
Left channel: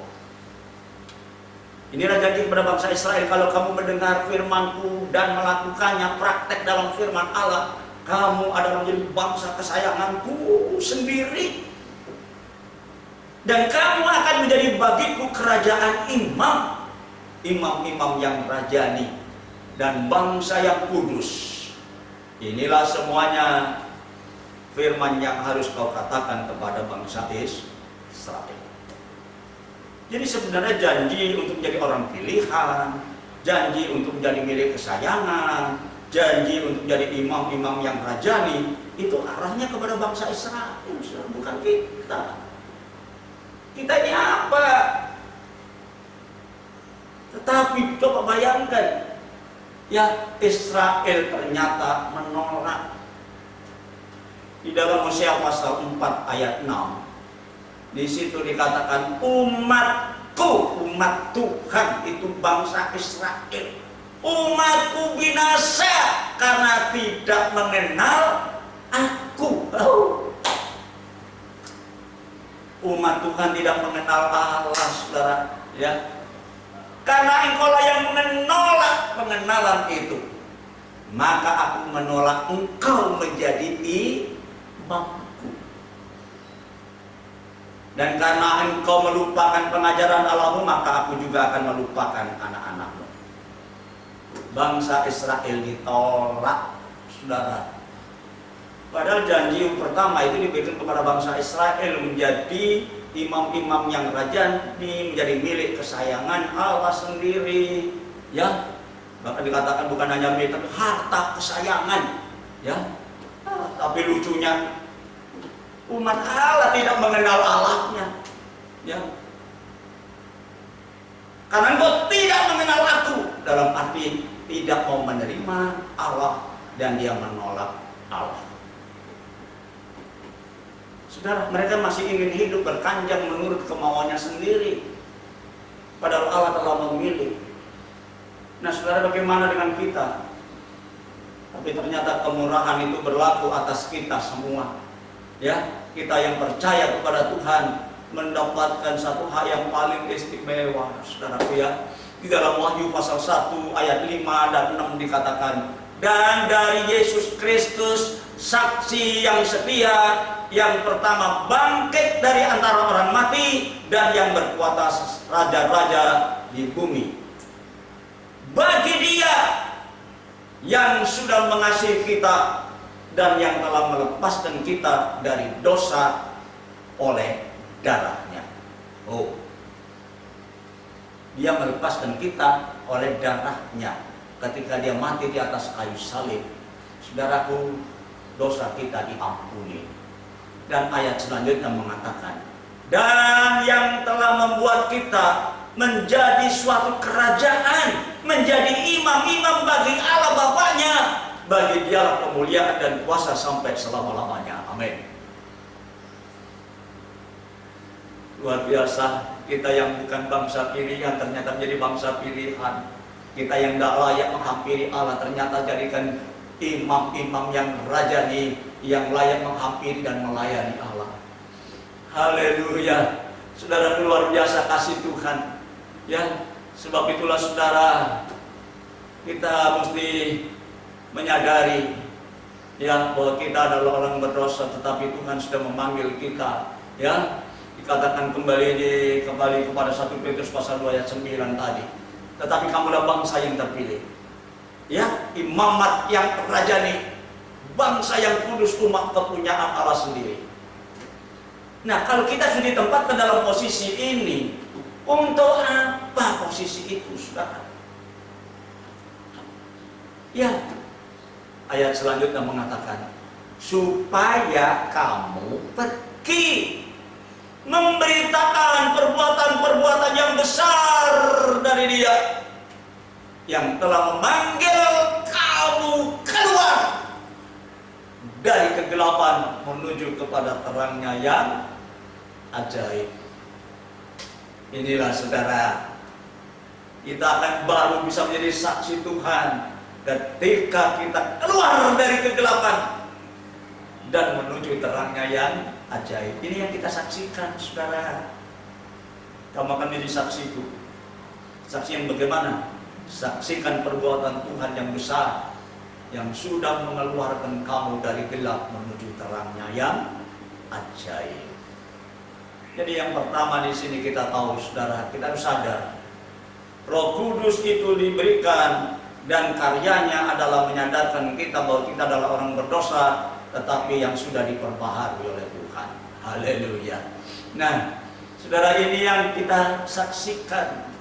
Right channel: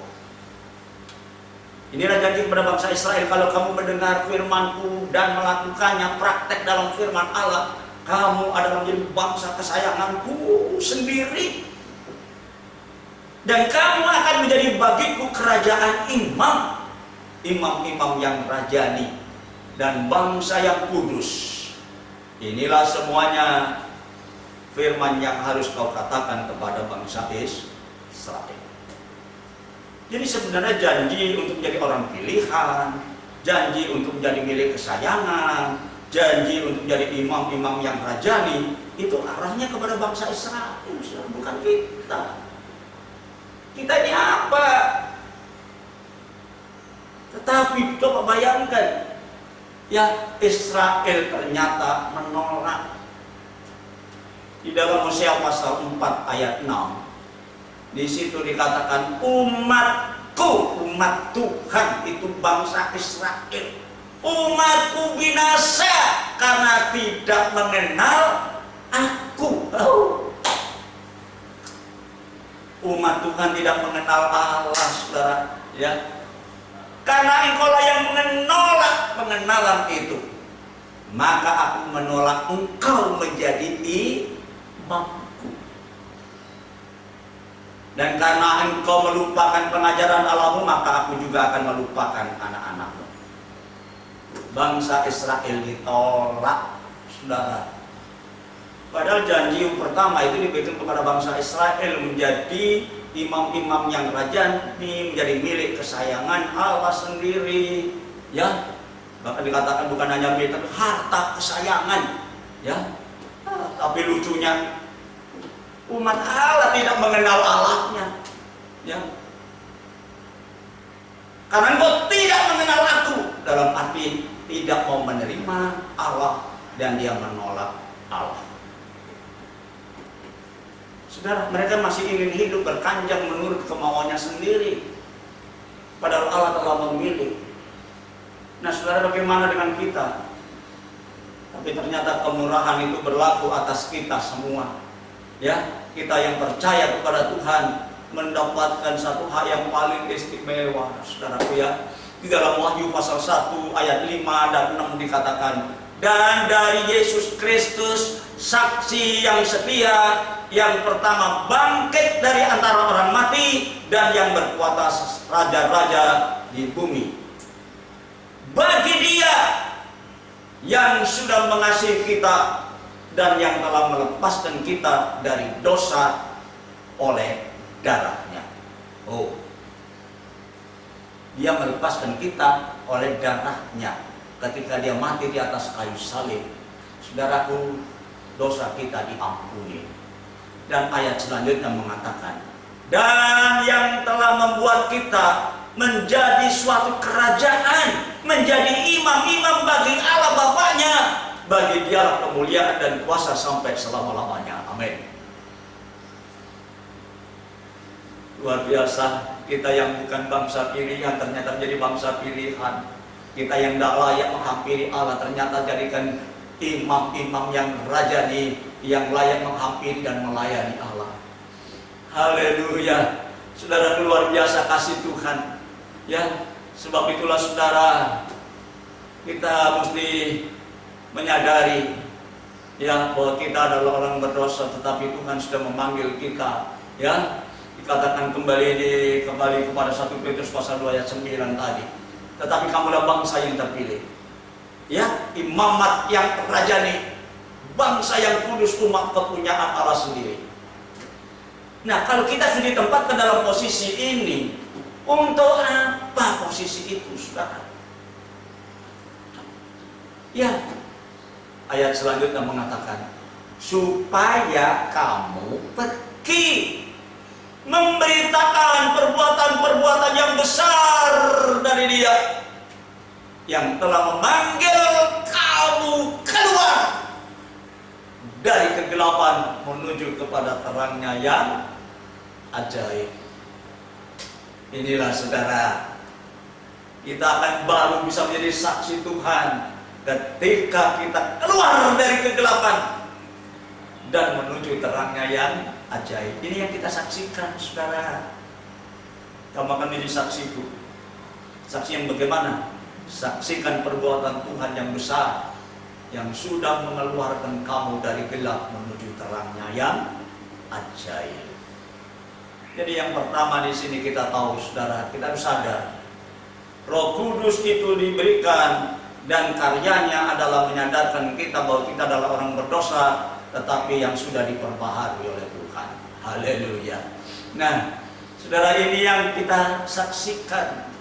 Inilah janji kepada bangsa Israel, kalau kamu mendengar firman-Ku dan melakukannya, praktek dalam firman Allah, kamu adalah menjadi bangsa kesayangan-Ku sendiri. Dan kamu akan menjadi bagiku kerajaan imam, imam-imam yang rajani, dan bangsa yang kudus. Inilah semuanya firman yang harus kau katakan kepada bangsa Israel. Jadi sebenarnya janji untuk menjadi orang pilihan, janji untuk menjadi milik kesayangan, janji untuk menjadi imam-imam yang rajani, itu arahnya kepada bangsa Israel, bukan kita. Kita ini apa? Tetapi coba bayangkan, ya, Israel ternyata menolak. Di dalam Hosea pasal 4 ayat 6, di situ dikatakan umatku, umat Tuhan itu bangsa Israel, umatku binasa karena tidak mengenal aku. Umat Tuhan tidak mengenal Allah, saudara, ya. Karena engkaulah yang menolak pengenalan itu, maka aku menolak engkau menjadi imamku. Dan karena engkau melupakan pengajaran Allahmu, maka aku juga akan melupakan anak-anakmu. Bangsa Israel ditolak, saudara. Padahal janji yang pertama itu diberikan kepada bangsa Israel menjadi imam-imam yang rajani, menjadi milik kesayangan Allah sendiri, ya. Bahkan dikatakan bukan hanya milik, tapi harta kesayangan, ya. Tapi lucunya umat Allah tidak mengenal Allahnya, ya. Karena engkau tidak mengenal aku, dalam arti tidak mau menerima Allah dan dia menolak Allah. Saudara, mereka masih ingin hidup berkanjang menurut kemauannya sendiri, padahal Allah telah memilih. Nah, saudara, bagaimana dengan kita? Tapi ternyata kemurahan itu berlaku atas kita semua, ya. Kita yang percaya kepada Tuhan mendapatkan satu hal yang paling istimewa, saudaraku, ya. Di dalam Wahyu pasal 1 ayat 5 dan 6 dikatakan, dan dari Yesus Kristus saksi yang setia, yang pertama bangkit dari antara orang mati dan yang berkuasa raja-raja di bumi. Bagi Dia yang sudah mengasihi kita dan yang telah melepaskan kita dari dosa oleh darahnya. Oh, Dia melepaskan kita oleh darahnya ketika Dia mati di atas kayu salib. Saudaraku, dosa kita diampuni. Dan ayat selanjutnya mengatakan, dan yang telah membuat kita menjadi suatu kerajaan, menjadi imam-imam bagi Allah Bapaknya, bagi Dialah kemuliaan dan kuasa sampai selama-lamanya. Amin. Luar biasa, kita yang bukan bangsa pilihan ternyata menjadi bangsa pilihan. Kita yang tidak layak menghampiri Allah ternyata jadikan imam-imam yang rajani, yang layak menghampiri dan melayani Allah. Haleluya. Saudara, luar biasa kasih Tuhan, ya. Sebab itulah saudara, kita mesti menyadari, ya, bahwa kita adalah orang berdosa, tetapi Tuhan sudah memanggil kita, ya. Dikatakan kembali kepada 1 Petrus pasal 2 ayat 9 tadi. Tetapi kamulah bangsa yang terpilih, ya, imamat yang rajani, bangsa yang kudus, umat kepunyaan Allah sendiri. Nah, kalau kita sudah ditempatkan dalam posisi ini, untuk apa posisi itu, saudara? Ya, ayat selanjutnya mengatakan, supaya kamu pergi memberitakan perbuatan-perbuatan yang besar dari Dia yang telah memanggil kamu keluar dari kegelapan menuju kepada terangnya yang ajaib. Inilah saudara, kita akan baru bisa menjadi saksi Tuhan ketika kita keluar dari kegelapan dan menuju terangnya yang ajaib. Ini yang kita saksikan, saudara. Kamu akan menjadi saksiku. Saksi yang bagaimana? Saksikan perbuatan Tuhan yang besar, yang sudah mengeluarkan kamu dari gelap menuju terangnya yang ajaib. Jadi yang pertama di sini kita tahu, saudara, kita harus sadar Roh Kudus itu diberikan dan karyanya adalah menyadarkan kita bahwa kita adalah orang berdosa, tetapi yang sudah diperbaharui oleh Tuhan. Haleluya. Nah, saudara, ini yang kita saksikan,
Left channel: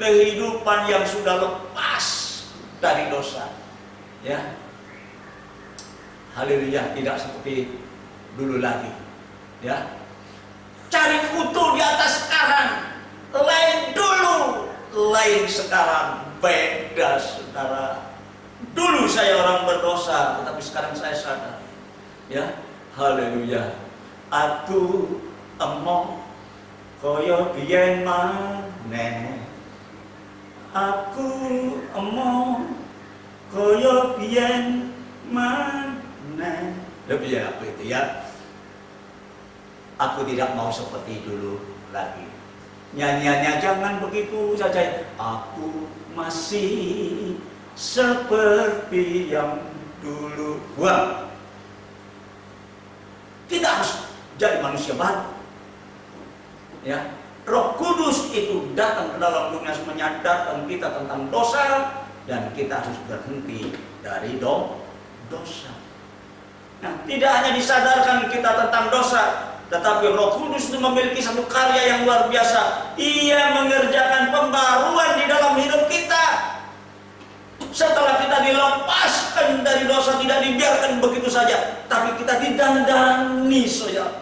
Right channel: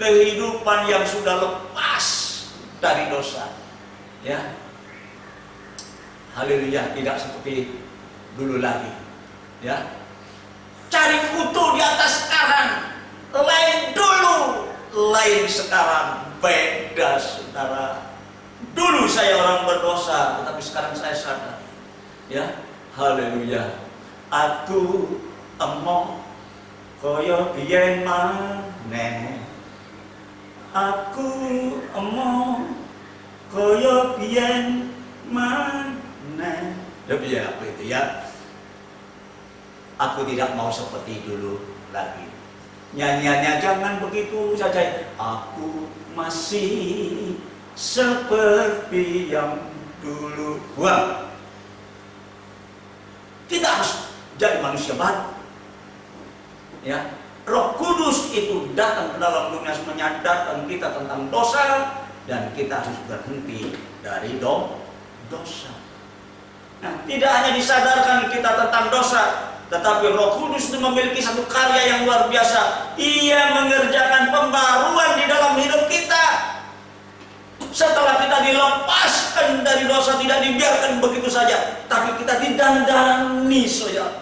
kehidupan yang sudah lepas dari dosa. Ya. Haleluya, tidak seperti dulu lagi. Ya. Cari foto di atas sekarang, lain dulu, lain sekarang, beda, saudara. Dulu saya orang berdosa, tetapi sekarang saya sadar. Ya, haleluya. Aku emoh koyo biyen maneh. Aku emoh koyo biyen maneh. Lebih ya apa itu ya? Aku tidak mau seperti dulu lagi. Nyanyiannya jangan begitu saja. Aku masih seperti yang dulu. Wah, kita harus jadi manusia baru. Ya, Roh Kudus itu datang ke dalam dunia menyadarkan kita tentang dosa, dan kita harus berhenti dari dosa. Nah, tidak hanya disadarkan kita tentang dosa, tetapi Roh Kudus itu memiliki satu karya yang luar biasa. Ia mengerjakan pembaruan di dalam hidup kita. Setelah kita dilepaskan dari dosa, tidak dibiarkan begitu saja, tapi kita didandani, saudara.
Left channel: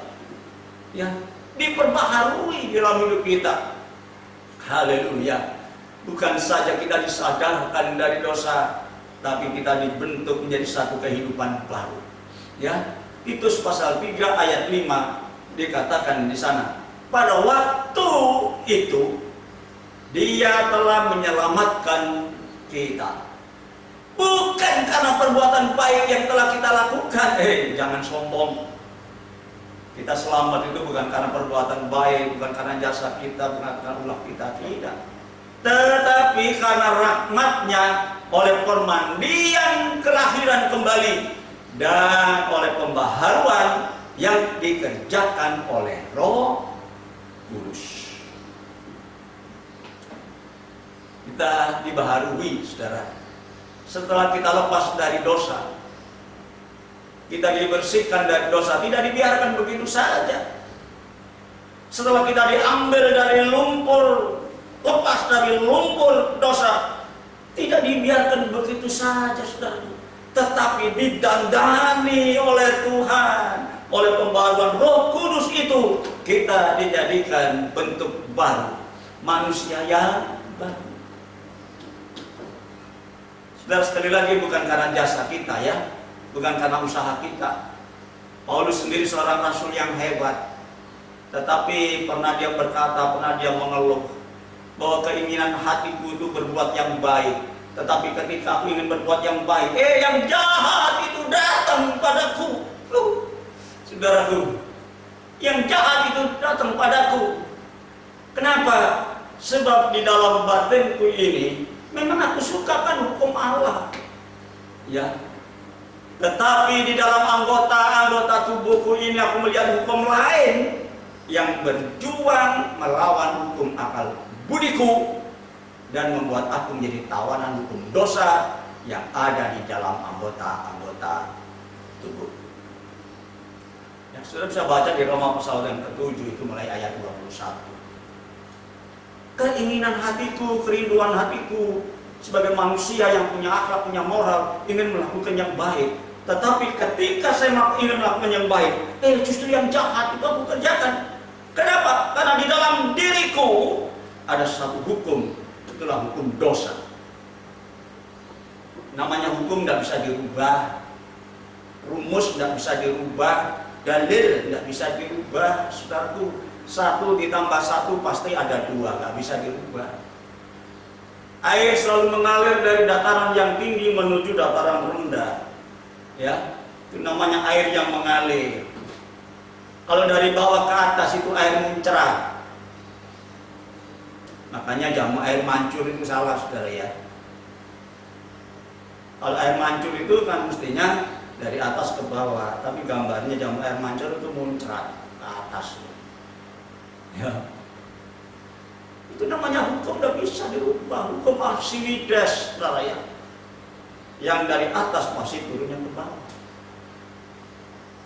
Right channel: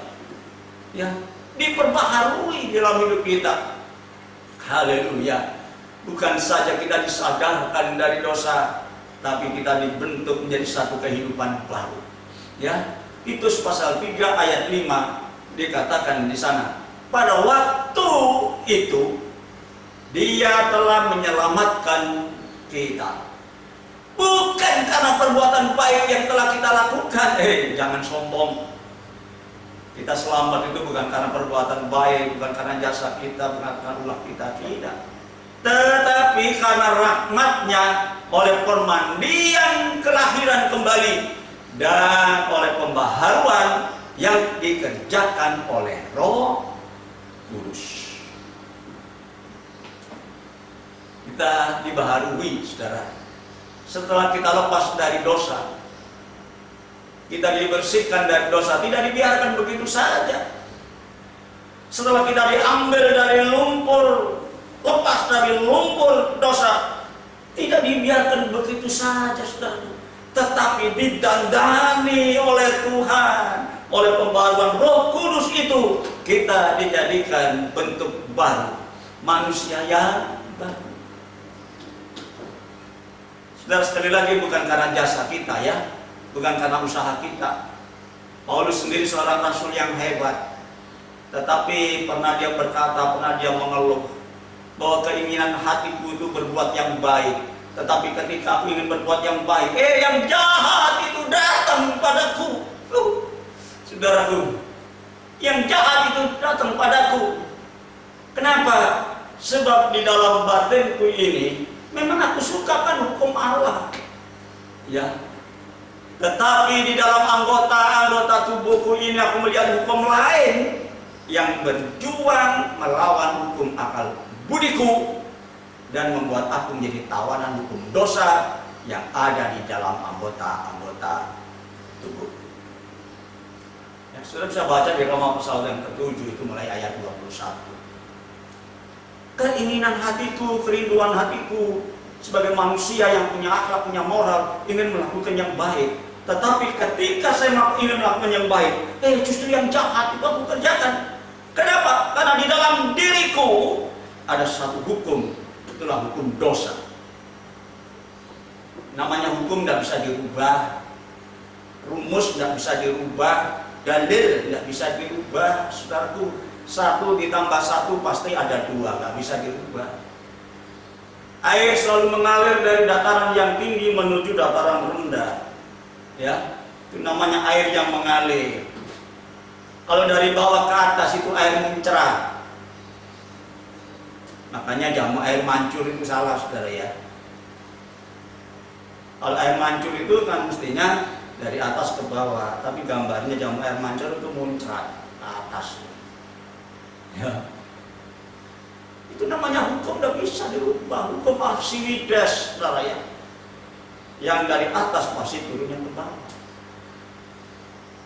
Ya, diperbaharui di dalam hidup kita. Haleluya. Bukan saja kita disadarkan dari dosa, tapi kita dibentuk menjadi satu kehidupan baru. Ya, Titus pasal 3 ayat 5 dikatakan di sana, pada waktu itu Dia telah menyelamatkan kita, bukan karena perbuatan baik yang telah kita lakukan. Jangan sombong. Kita selamat itu bukan karena perbuatan baik, bukan karena jasa kita, bukan karena ulah kita, tidak. Tetapi karena rahmat-Nya, oleh permandian kelahiran kembali dan oleh pembaharuan yang dikerjakan oleh Roh Kudus. Kita dibaharui, saudara. Setelah kita lepas dari dosa, kita dibersihkan dari dosa, tidak dibiarkan begitu saja. Setelah kita diambil dari lumpur, lepas dari lumpur dosa, tidak dibiarkan begitu saja, saudara. Tetapi didandani oleh Tuhan, oleh pembaharuan Roh Kudus itu, kita dijadikan bentuk baru, manusia yang baru. Saudara, sekali lagi bukan karena jasa kita, ya, bukan karena usaha kita. Paulus sendiri seorang rasul yang hebat, tetapi pernah dia berkata, pernah dia mengeluh bahwa keinginan hatiku itu berbuat yang baik, tetapi ketika aku ingin berbuat yang baik, yang jahat itu datang padaku. Saudaraku, yang jahat itu datang padaku. Kenapa? Sebab di dalam batinku ini memang aku sukakan hukum Allah, ya. Tetapi di dalam anggota-anggota tubuhku ini aku melihat hukum lain yang berjuang melawan hukum akal budiku dan membuat aku menjadi tawanan hukum dosa yang ada di dalam anggota-anggota tubuh. Ya, sudah bisa baca di Roma pasal yang ke-7 itu mulai ayat 21. Keinginan hatiku, kerinduan hatiku sebagai manusia yang punya akhlak, punya moral, ingin melakukan yang baik. Tetapi ketika saya ingin melakukan yang baik, justru yang jahat itu aku kerjakan. Kenapa? Karena di dalam diriku ada satu hukum, itulah hukum dosa. Namanya hukum tidak bisa dirubah, rumus tidak bisa dirubah, dalil tidak bisa dirubah, saudaraku. 1 ditambah 1 pasti ada 2, nggak bisa dirubah. Air selalu mengalir dari dataran yang tinggi menuju dataran rendah, ya, itu namanya air yang mengalir. Kalau dari bawah ke atas itu air mencerah. Makanya jamu air mancur itu salah, saudara ya. Kalau air mancur itu kan mestinya dari atas ke bawah, tapi gambarnya jamu air mancur itu muncrat ke atas. Ya. Itu namanya hukum, tidak bisa dirubah. Hukum Archimedes, saudara ya. Yang dari atas pasti turunnya ke bawah.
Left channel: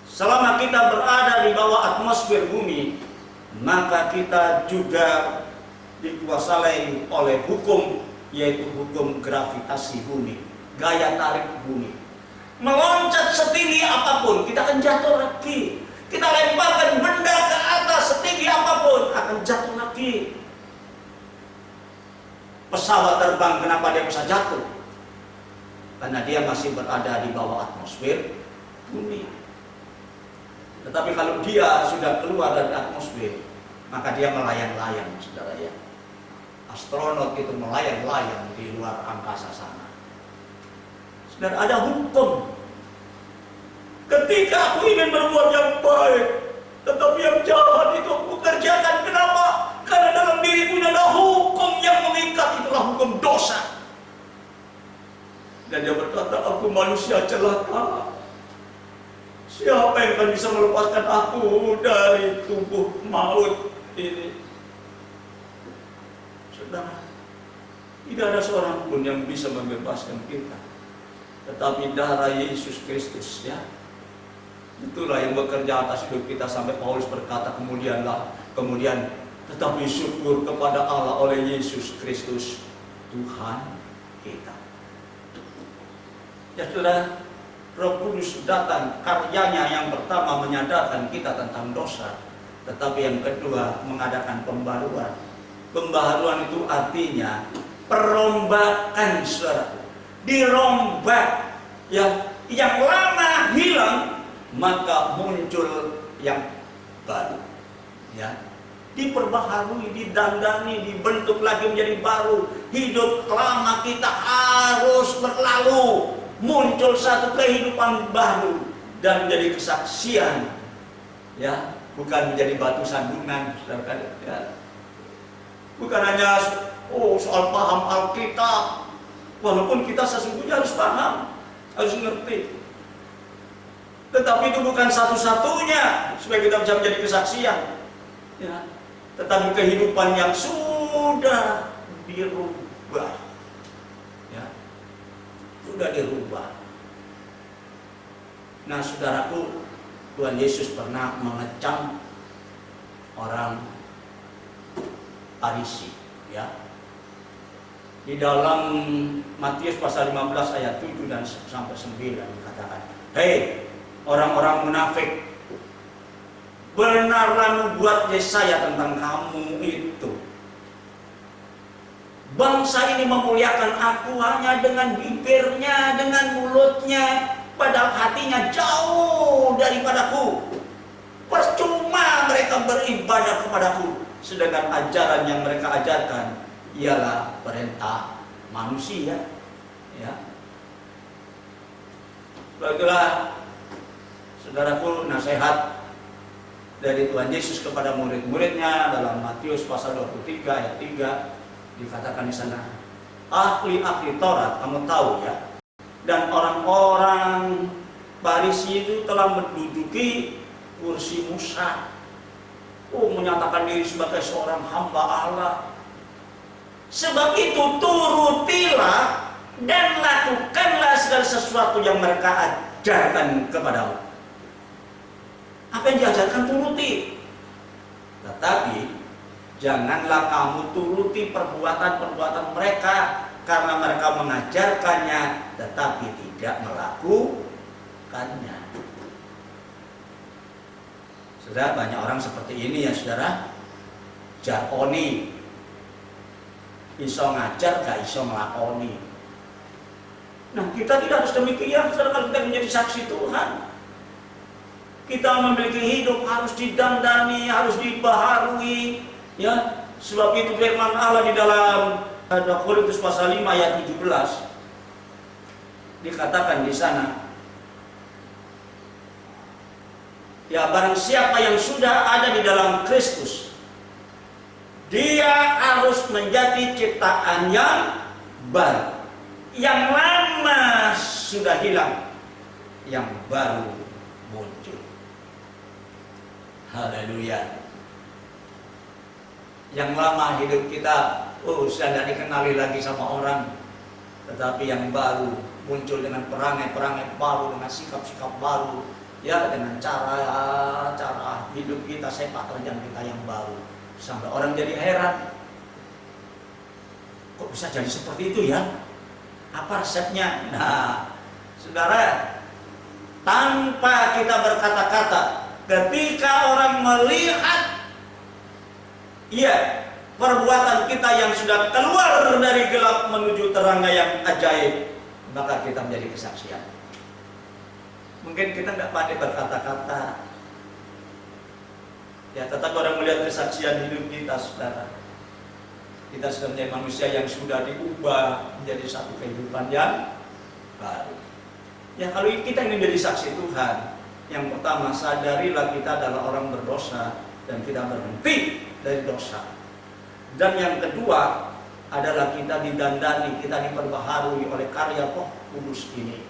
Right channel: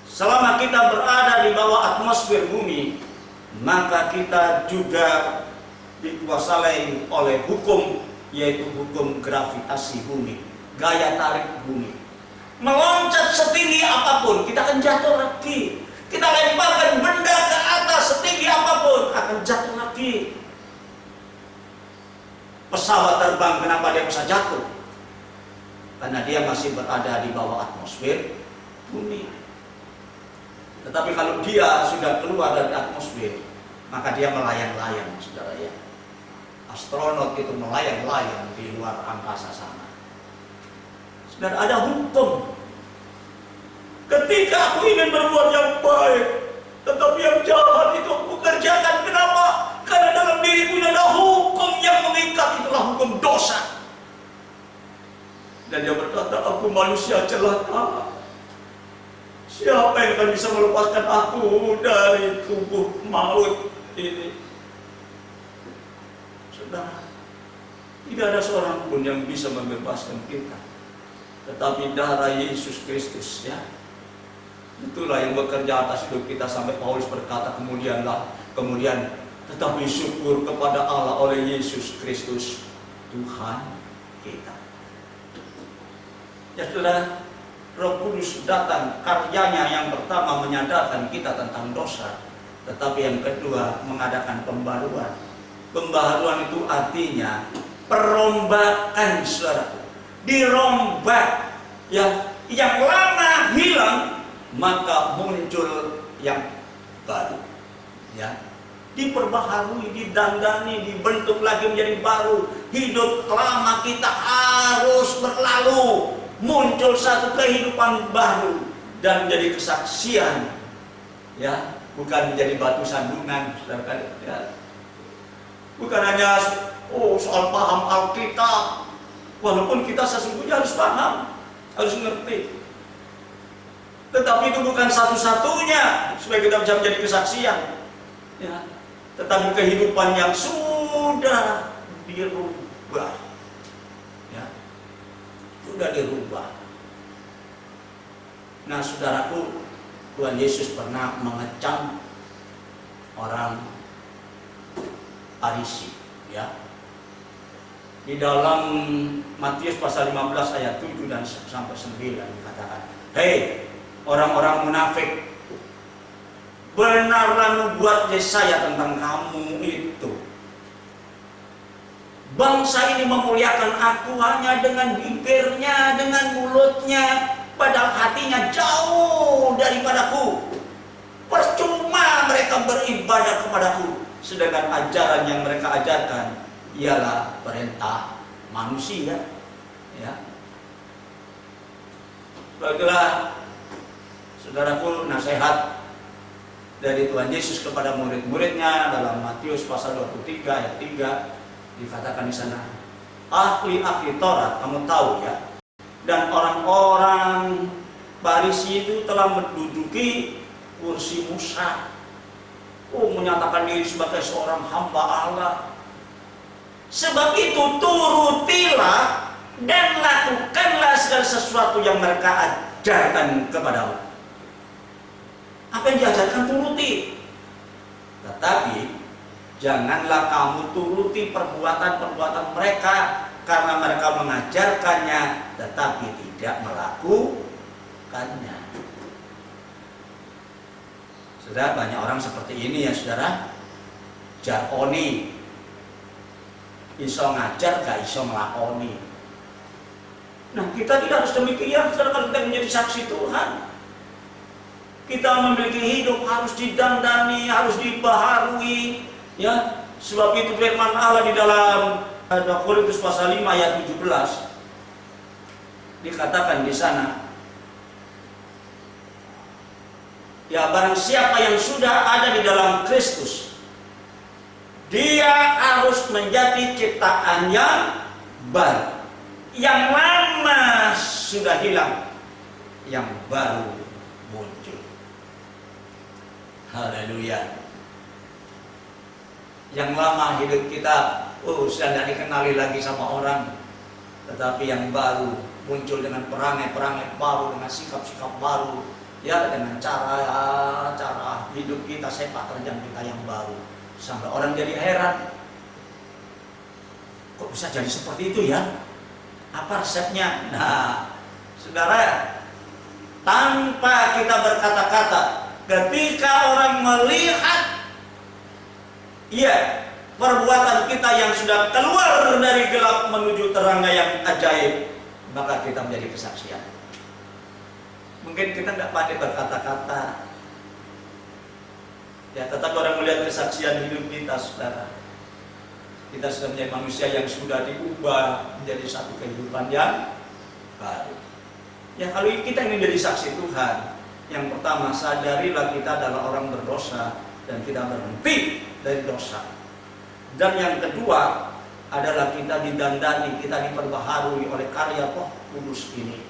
Selama kita berada di bawah atmosfer bumi, maka kita juga dikuasai oleh hukum, yaitu hukum gravitasi bumi, gaya tarik bumi. Meloncat setinggi apapun, kita akan jatuh lagi. Kita lemparkan benda ke atas setinggi apapun, akan jatuh lagi. Pesawat terbang, kenapa dia bisa jatuh? Karena dia masih berada di bawah atmosfer bumi. Tetapi kalau dia sudah keluar dari atmosfer, maka dia melayang-layang, saudara ya. Astronot itu melayang-layang di luar angkasa sana. Saudara, ada hukum. Ketika aku ingin berbuat yang baik, tetapi yang jahat itu aku kerjakan. Kenapa? Karena dalam diriku ada hukum yang mengikat, itulah hukum dosa. Dan dia berkata, aku manusia celaka. Siapa yang akan bisa melepaskan aku dari tubuh maut ini? Saudara, tidak ada seorang pun yang bisa membebaskan kita, tetapi darah Yesus Kristus, ya. Itulah yang bekerja atas hidup kita, sampai Paulus berkata kemudian tetapi syukur kepada Allah oleh Yesus Kristus Tuhan kita. Ya saudara, Roh Kudus datang, karyanya yang pertama menyadarkan kita tentang dosa, tetapi yang kedua mengadakan pembaruan. Pembaharuan itu artinya perombakan, saudara. Dirombak, ya, yang lama hilang maka muncul yang baru, ya. Diperbaharui, didandani, dibentuk lagi menjadi baru. Hidup lama kita harus berlalu, muncul satu kehidupan baru dan menjadi kesaksian, ya, bukan menjadi batu sandungan, saudara, ya. Bukan hanya soal paham Alkitab, walaupun kita sesungguhnya harus paham, harus mengerti. Tetapi itu bukan satu-satunya supaya kita bisa menjadi kesaksian, ya. Tetapi kehidupan yang sudah dirubah, ya, sudah dirubah. Nah, saudaraku, Tuhan Yesus pernah mengecam orang Farisi, ya. Di dalam Matius pasal 15 ayat 7 dan sampai 9 dikatakan, "Hei orang-orang munafik, benarlah nubuat Yesaya tentang kamu itu. Bangsa ini memuliakan aku hanya dengan bibirnya, dengan mulutnya, padahal hatinya jauh daripadaku. Percuma mereka beribadah kepadaku, sedangkan ajaran yang mereka ajarkan ialah perintah manusia." Ya. Baiklah, saudaraku, nasihat dari Tuhan Yesus kepada murid-muridnya dalam Matius pasal 23 ayat 3 dikatakan di sana, ahli-ahli Taurat, kamu tahu ya, dan orang-orang Farisi itu telah menduduki kursi Musa. Menyatakan diri sebagai seorang hamba Allah. Sebab itu turutilah dan lakukanlah segala sesuatu yang mereka ajarkan kepadamu. Apa yang diajarkan turuti. Tetapi janganlah kamu turuti perbuatan-perbuatan mereka, karena mereka mengajarkannya tetapi tidak melakukannya. Saudara, banyak orang seperti ini ya, saudara. Jarkoni, iso ngajar gak iso melakoni. Nah, kita tidak harus demikian, saudara. Kalau kita menjadi saksi Tuhan, kita memiliki hidup harus didandani, harus dibaharui, ya. Sebab itu firman Allah di dalam 2 Korintus pasal 5 ayat 17 dikatakan di sana, ya, barang siapa yang sudah ada di dalam Kristus, Dia harus menjadi ciptaan yang baru. Yang lama sudah hilang, yang baru muncul. Haleluya. Yang lama hidup kita, sudah tidak dikenali lagi sama orang. Tetapi yang baru muncul dengan perangai-perangai baru, dengan sikap-sikap baru, ya, dengan cara hidup kita, sepak terjang kita yang baru. Sampai orang jadi heran, kok bisa jadi seperti itu ya? Apa resepnya? Nah, saudara, tanpa kita berkata-kata, ketika orang melihat perbuatan kita yang sudah keluar dari gelap menuju terangnya yang ajaib, maka kita menjadi kesaksian. Mungkin kita tidak pandai berkata-kata, ya, tetapi orang melihat kesaksian hidup kita, saudara. Kita sudah menjadi manusia yang sudah diubah menjadi satu kehidupan yang baru. Ya, kalau kita ingin menjadi saksi Tuhan, yang pertama, sadarilah kita adalah orang berdosa dan kita berhenti dari dosa. Dan yang kedua adalah kita didandani, kita diperbaharui oleh karya Roh Kudus ini,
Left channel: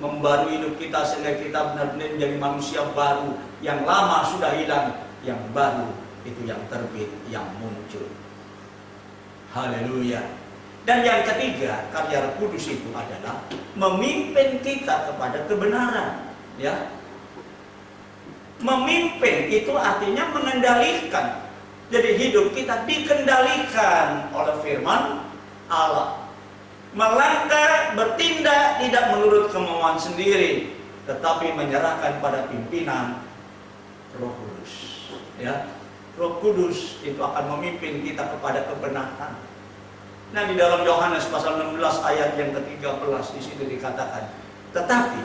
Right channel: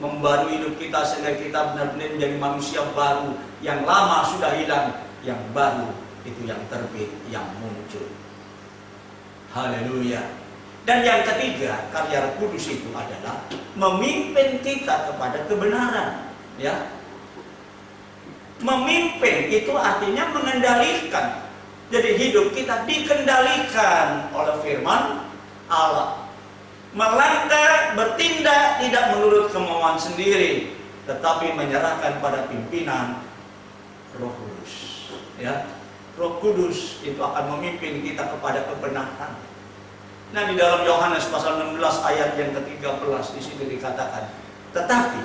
membarui hidup kita sehingga kita benar-benar menjadi manusia baru. Yang lama sudah hilang, yang baru itu yang terbit, yang muncul. Haleluya. Dan yang ketiga, karya Roh Kudus itu adalah memimpin kita kepada kebenaran, ya. Memimpin itu artinya mengendalikan. Jadi hidup kita dikendalikan oleh firman Allah. Melangkah, bertindak tidak menurut kemauan sendiri, tetapi menyerahkan pada pimpinan Roh Kudus. Ya, Roh Kudus itu akan memimpin kita kepada kebenaran. Nah, di dalam Yohanes pasal 16 ayat yang ke-13 di situ dikatakan, tetapi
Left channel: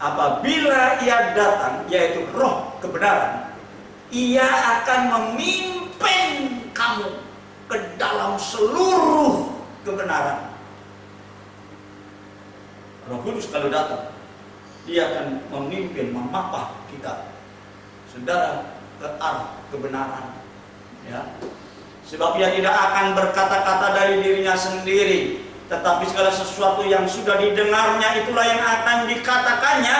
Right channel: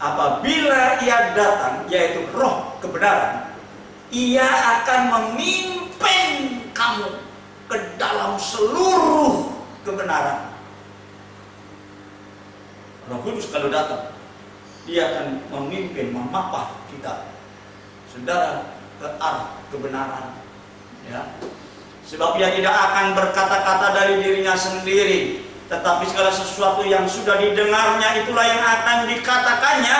apabila Ia datang, yaitu Roh kebenaran, Ia akan memimpin kamu ke dalam seluruh kebenaran. Roh Kudus kalau datang, Dia akan memimpin, memapah kita, saudara, ke arah kebenaran. Ya. Sebab Ia tidak akan berkata-kata dari dirinya sendiri, tetapi segala sesuatu yang sudah didengarnya itulah yang akan dikatakannya,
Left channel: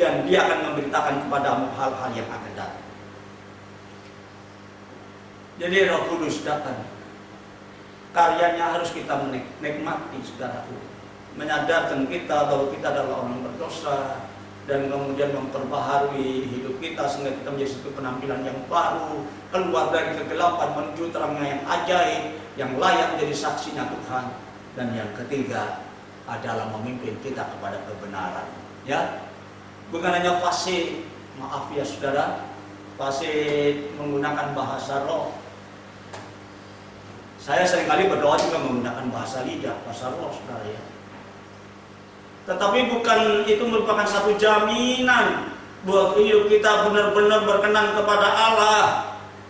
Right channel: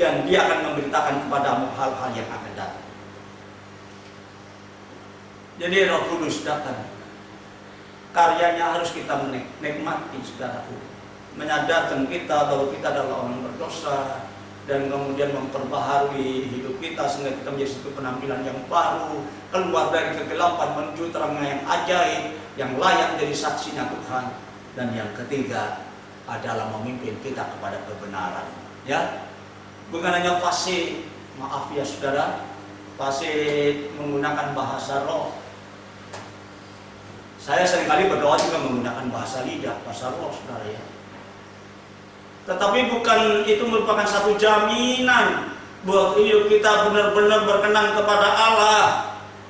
dan Dia akan memberitakan kepadamu hal-hal yang akan datang. Jadi Roh Kudus datang, karyanya harus kita menikmati, saudaraku, menyadarkan kita bahwa kita adalah orang berdosa, dan kemudian memperbaharui hidup kita sehingga kita menjadi satu penampilan yang baru, keluar dari kegelapan menuju terangnya yang ajaib, yang layak menjadi saksinya Tuhan. Dan yang ketiga adalah memimpin kita kepada kebenaran. Ya, bukan hanya fasih, maaf ya saudara, fasih menggunakan bahasa roh. Saya seringkali berdoa juga menggunakan bahasa lidah, bahasa roh, saudara ya. Tetapi bukan itu merupakan satu jaminan bahwa hidup kita benar-benar berkenan kepada Allah,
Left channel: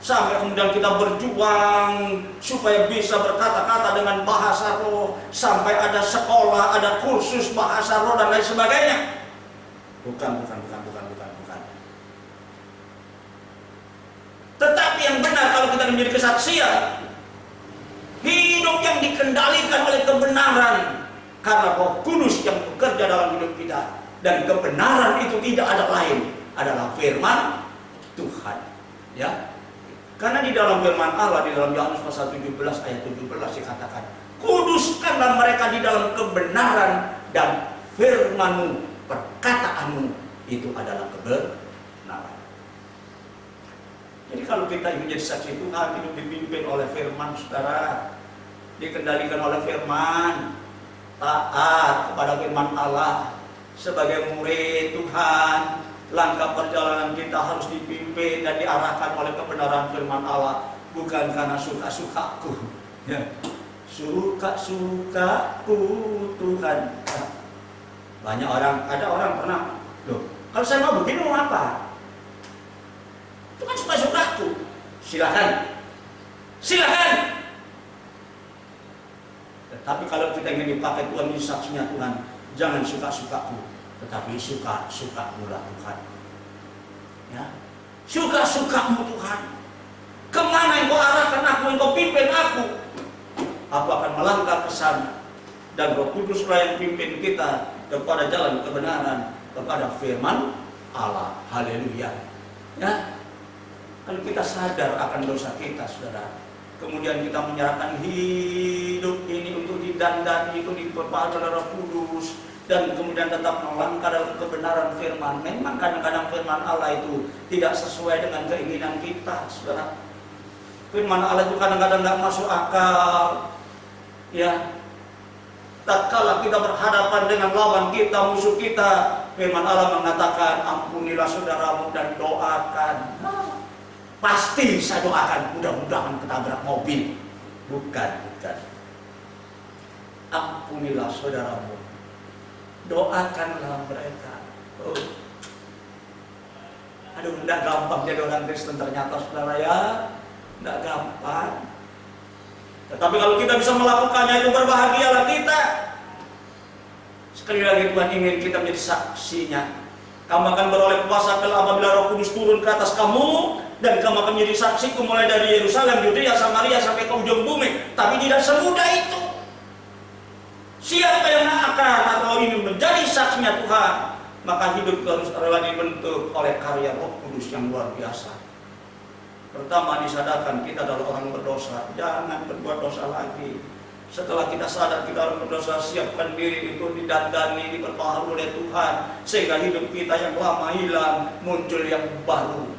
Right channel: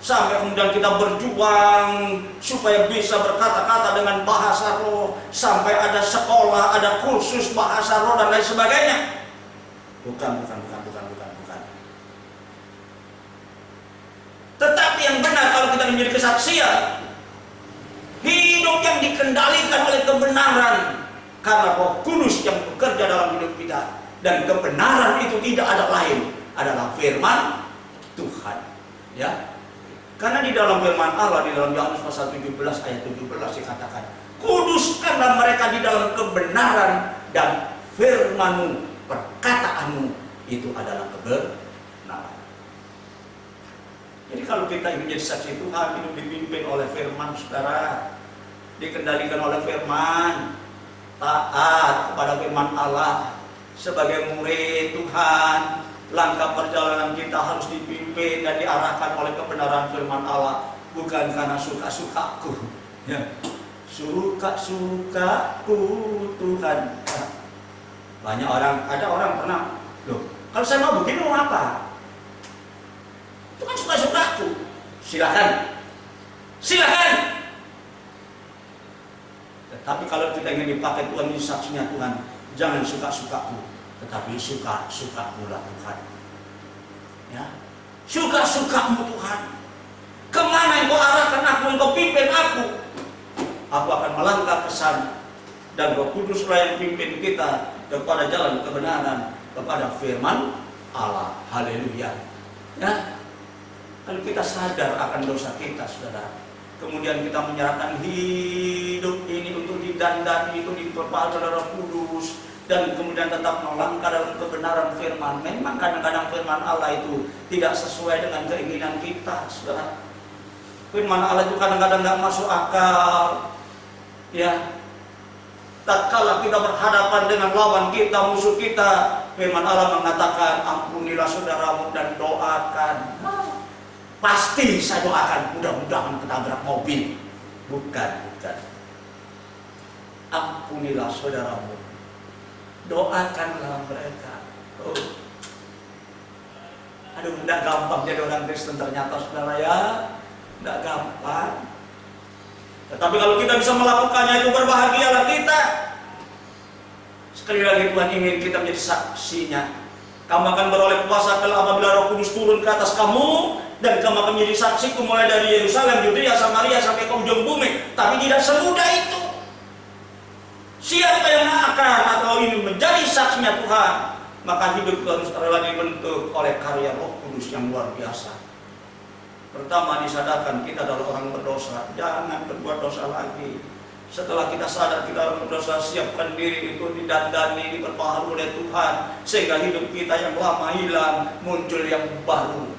sampai kemudian kita berjuang supaya bisa berkata-kata dengan bahasa roh, sampai ada sekolah, ada kursus bahasa roh dan lain sebagainya. Bukan. Tetapi yang benar kalau kita menjadi kesaksian, hidup yang dikendalikan oleh kebenaran, karena Roh Kudus yang bekerja dalam hidup kita, dan kebenaran itu tidak ada lain adalah firman Tuhan. Ya, karena di dalam firman Allah, di dalam Yohanes pasal 17 ayat 17 dikatakan, kuduskanlah mereka di dalam kebenaran, dan firman-Mu, perkataanmu itu adalah kebenaran. Jadi kalau kita ingin menjadi saksi Tuhan, hidup dipimpin oleh firman, saudara, dikendalikan oleh firman, taat kepada firman Allah. Sebagai murid Tuhan, langkah perjalanan kita harus dipimpin dan diarahkan oleh kebenaran firman Allah, bukan karena suka-sukaku. Ya. Suka-sukaku Tuhan. Banyak orang, ada orang pernah, loh, kalau saya mau begini mau apa? Itu kan suka-sukaku. Silakan. Tapi kalau kita ingin dipakai Tuhan ini saksinya Tuhan, jangan suka-sukaku, tetapi suka-sukamu Tuhan. Ya, suka-sukamu Tuhan. Kemana kemana Engkau arahkan aku, Engkau pimpin aku akan melangkah ke sana. Dan Roh Kuduslah yang pimpin kita kepada jalan kebenaran, kepada firman Allah. Haleluya. Ya, kalau kita sadar akan dosa kita, saudara, kemudian kita menyerahkan hidup ini untuk didandani, itu diperbaharui oleh Roh Kudus, dan kemudian tetap melangkah dalam kebenaran firman. Memang kadang-kadang firman Allah itu tidak sesuai dengan keinginan kita, saudara. Firman Allah itu kadang-kadang nggak masuk akal. Ya, tatkala kita berhadapan dengan lawan kita, musuh kita, firman Allah mengatakan, ampunilah saudaramu dan doakan. Pasti saya doakan, mudah-mudahan ketabrak mobil. Bukan. Ampunilah saudaramu, doakanlah mereka. Aduh, tidak gampang jadi orang Kristen ternyata, saudara ya. Tidak gampang. Tetapi kalau kita bisa melakukannya, itu berbahagialah kita. Sekali lagi Tuhan ingin kita menjadi saksinya. Kamu akan beroleh kuasa apabila Roh Kudus turun ke atas kamu, dan kamu akan menjadi saksiku mulai dari Yerusalem, Yudea, Samaria sampai ke ujung bumi. Tapi tidak semudah itu. Siapa yang akan atau ini menjadi saksinya Tuhan, maka hidup harus rela dibentuk oleh karya Roh Kudus yang luar biasa. Pertama, disadarkan kita adalah orang berdosa, jangan berbuat dosa lagi. Setelah kita sadar kita orang berdosa, siapkan diri itu didandani, diperbaharui oleh Tuhan, sehingga hidup kita yang lama hilang, muncul yang baru.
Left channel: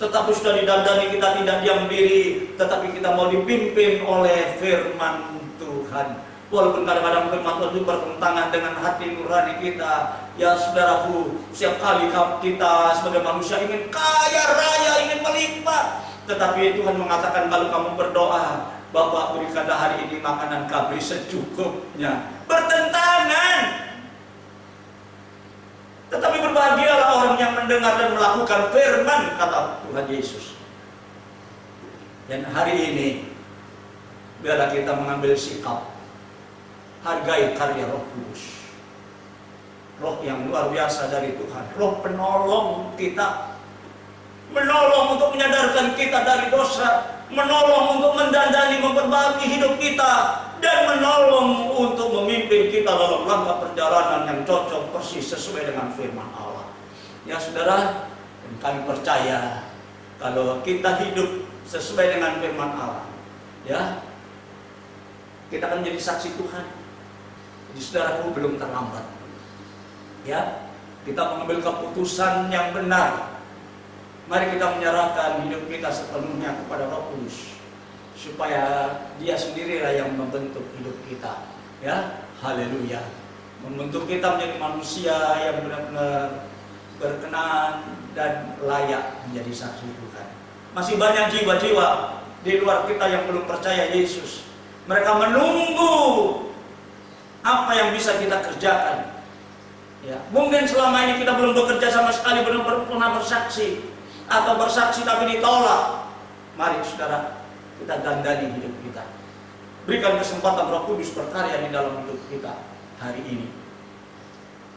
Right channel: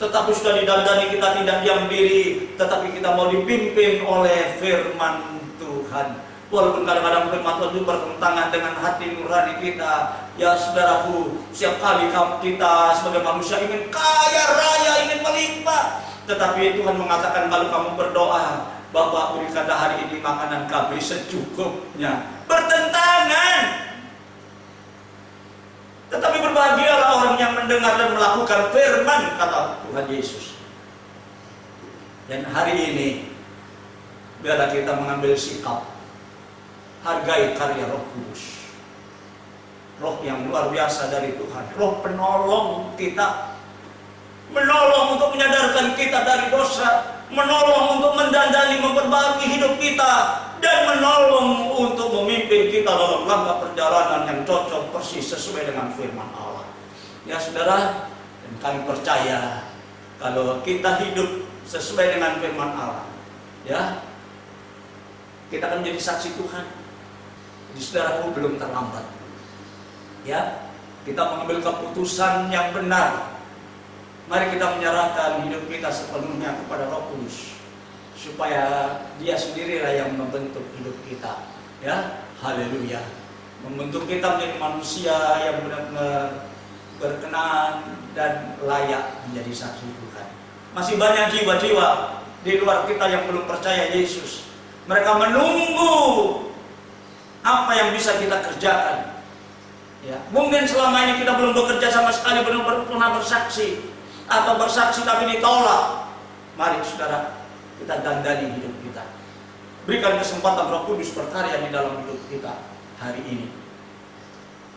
Tetapi sudah didandani, kita tidak diam diri, tetapi kita mau dipimpin oleh firman Tuhan. Walaupun kadang-kadang firman Tuhan itu bertentangan dengan hati nurani kita. Ya saudaraku, setiap kali kita sebagai manusia ingin kaya raya, ingin melimpah. Tetapi Tuhan mengatakan kalau kamu berdoa, Bapa berikanlah hari ini makanan kami secukupnya. Bertentangan. Tetapi berbahagialah orang yang mendengar dan melakukan firman kata Tuhan Yesus. Dan hari ini biarlah kita mengambil sikap, hargai karya Roh Kudus. Roh yang luar biasa dari Tuhan, Roh penolong kita, menolong untuk menyadarkan kita dari dosa, menolong untuk mendandani, memperbaharui hidup kita, dan menolong untuk memimpin kita dalam langkah perjalanan yang cocok persis sesuai dengan firman Allah. Ya saudara, dan kami percaya kalau kita hidup sesuai dengan firman Allah, ya, kita akan menjadi saksi Tuhan. Jadi saudaraku, belum terlambat. Ya, kita mengambil keputusan yang benar. Mari kita menyerahkan hidup kita sepenuhnya kepada Roh Kudus, supaya Dia sendirilah yang membentuk hidup kita. Ya, haleluya. Membentuk kita menjadi manusia yang benar-benar berkenan dan layak menjadi saksi Tuhan. Masih banyak jiwa-jiwa di luar kita yang belum percaya Yesus. Mereka menunggu apa yang bisa kita kerjakan. Ya, mungkin selama ini kita belum bekerja sama sekali, belum pernah bersaksi, atau bersaksi tapi ditolak. Mari saudara, kita dandani hidup kita. Berikan kesempatan Roh Kudus berkarya di dalam hidup kita hari ini.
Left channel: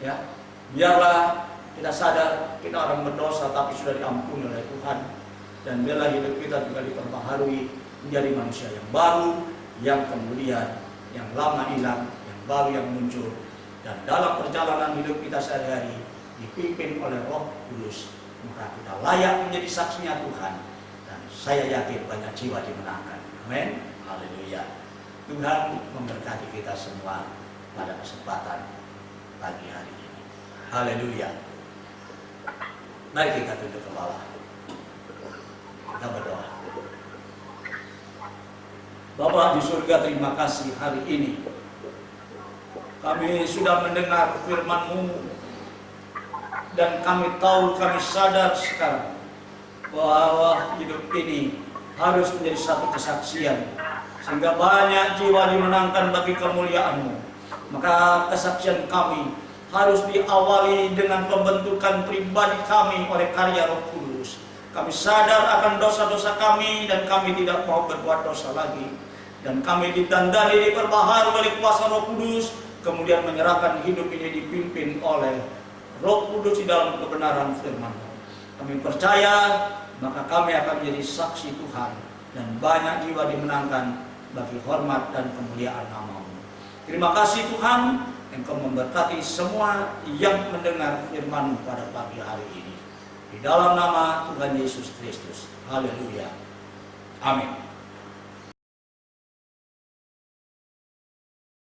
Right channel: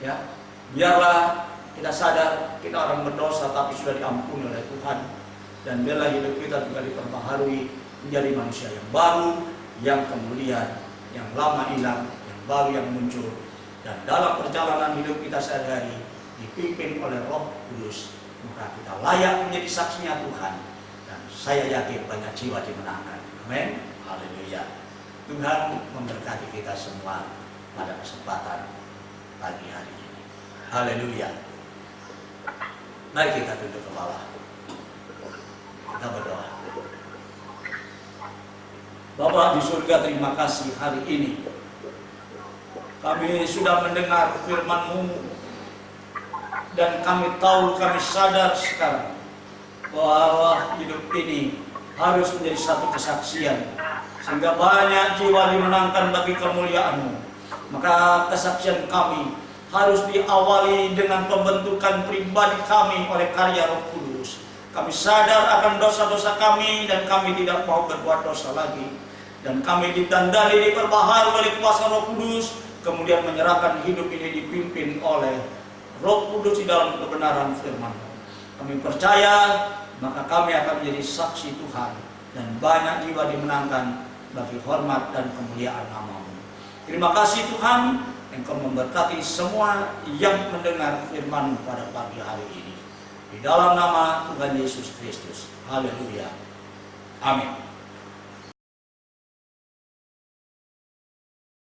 Ya, biarlah kita sadar kita orang berdosa tapi sudah diampuni oleh Tuhan, dan biarlah hidup kita juga diperbaharui menjadi manusia yang baru, yang kemudian yang lama hilang, yang baru yang muncul. Dan dalam perjalanan hidup kita sehari-hari dipimpin oleh Roh Kudus, maka kita layak menjadi saksinya Tuhan. Dan saya yakin banyak jiwa dimenangkan. Amin. Haleluya. Tuhan memberkati kita semua pada kesempatan pagi hari ini. Haleluya. Mari kita tunduk kepala. Kita berdoa. Bapa di surga, terima kasih hari ini kami sudah mendengar firman-Mu, dan kami tahu, kami sadar sekarang bahwa hidup ini harus menjadi satu kesaksian, sehingga banyak jiwa dimenangkan bagi kemuliaan-Mu. Maka kesaksian kami harus diawali dengan pembentukan pribadi kami oleh karya Roh Kudus. Kami sadar akan dosa-dosa kami dan kami tidak mau berbuat dosa lagi. Dan kami ditandai, diperbaharui oleh kuasa Roh Kudus, kemudian menyerahkan hidup ini dipimpin oleh Roh Kudus di dalam kebenaran firman. Kami percaya, maka kami akan menjadi saksi Tuhan dan banyak jiwa dimenangkan bagi hormat dan kemuliaan nama-Mu. Terima kasih Tuhan, Engkau memberkati semua yang mendengar firman-Mu pada pagi hari ini. Di dalam nama Tuhan Yesus Kristus. Haleluya. Amin.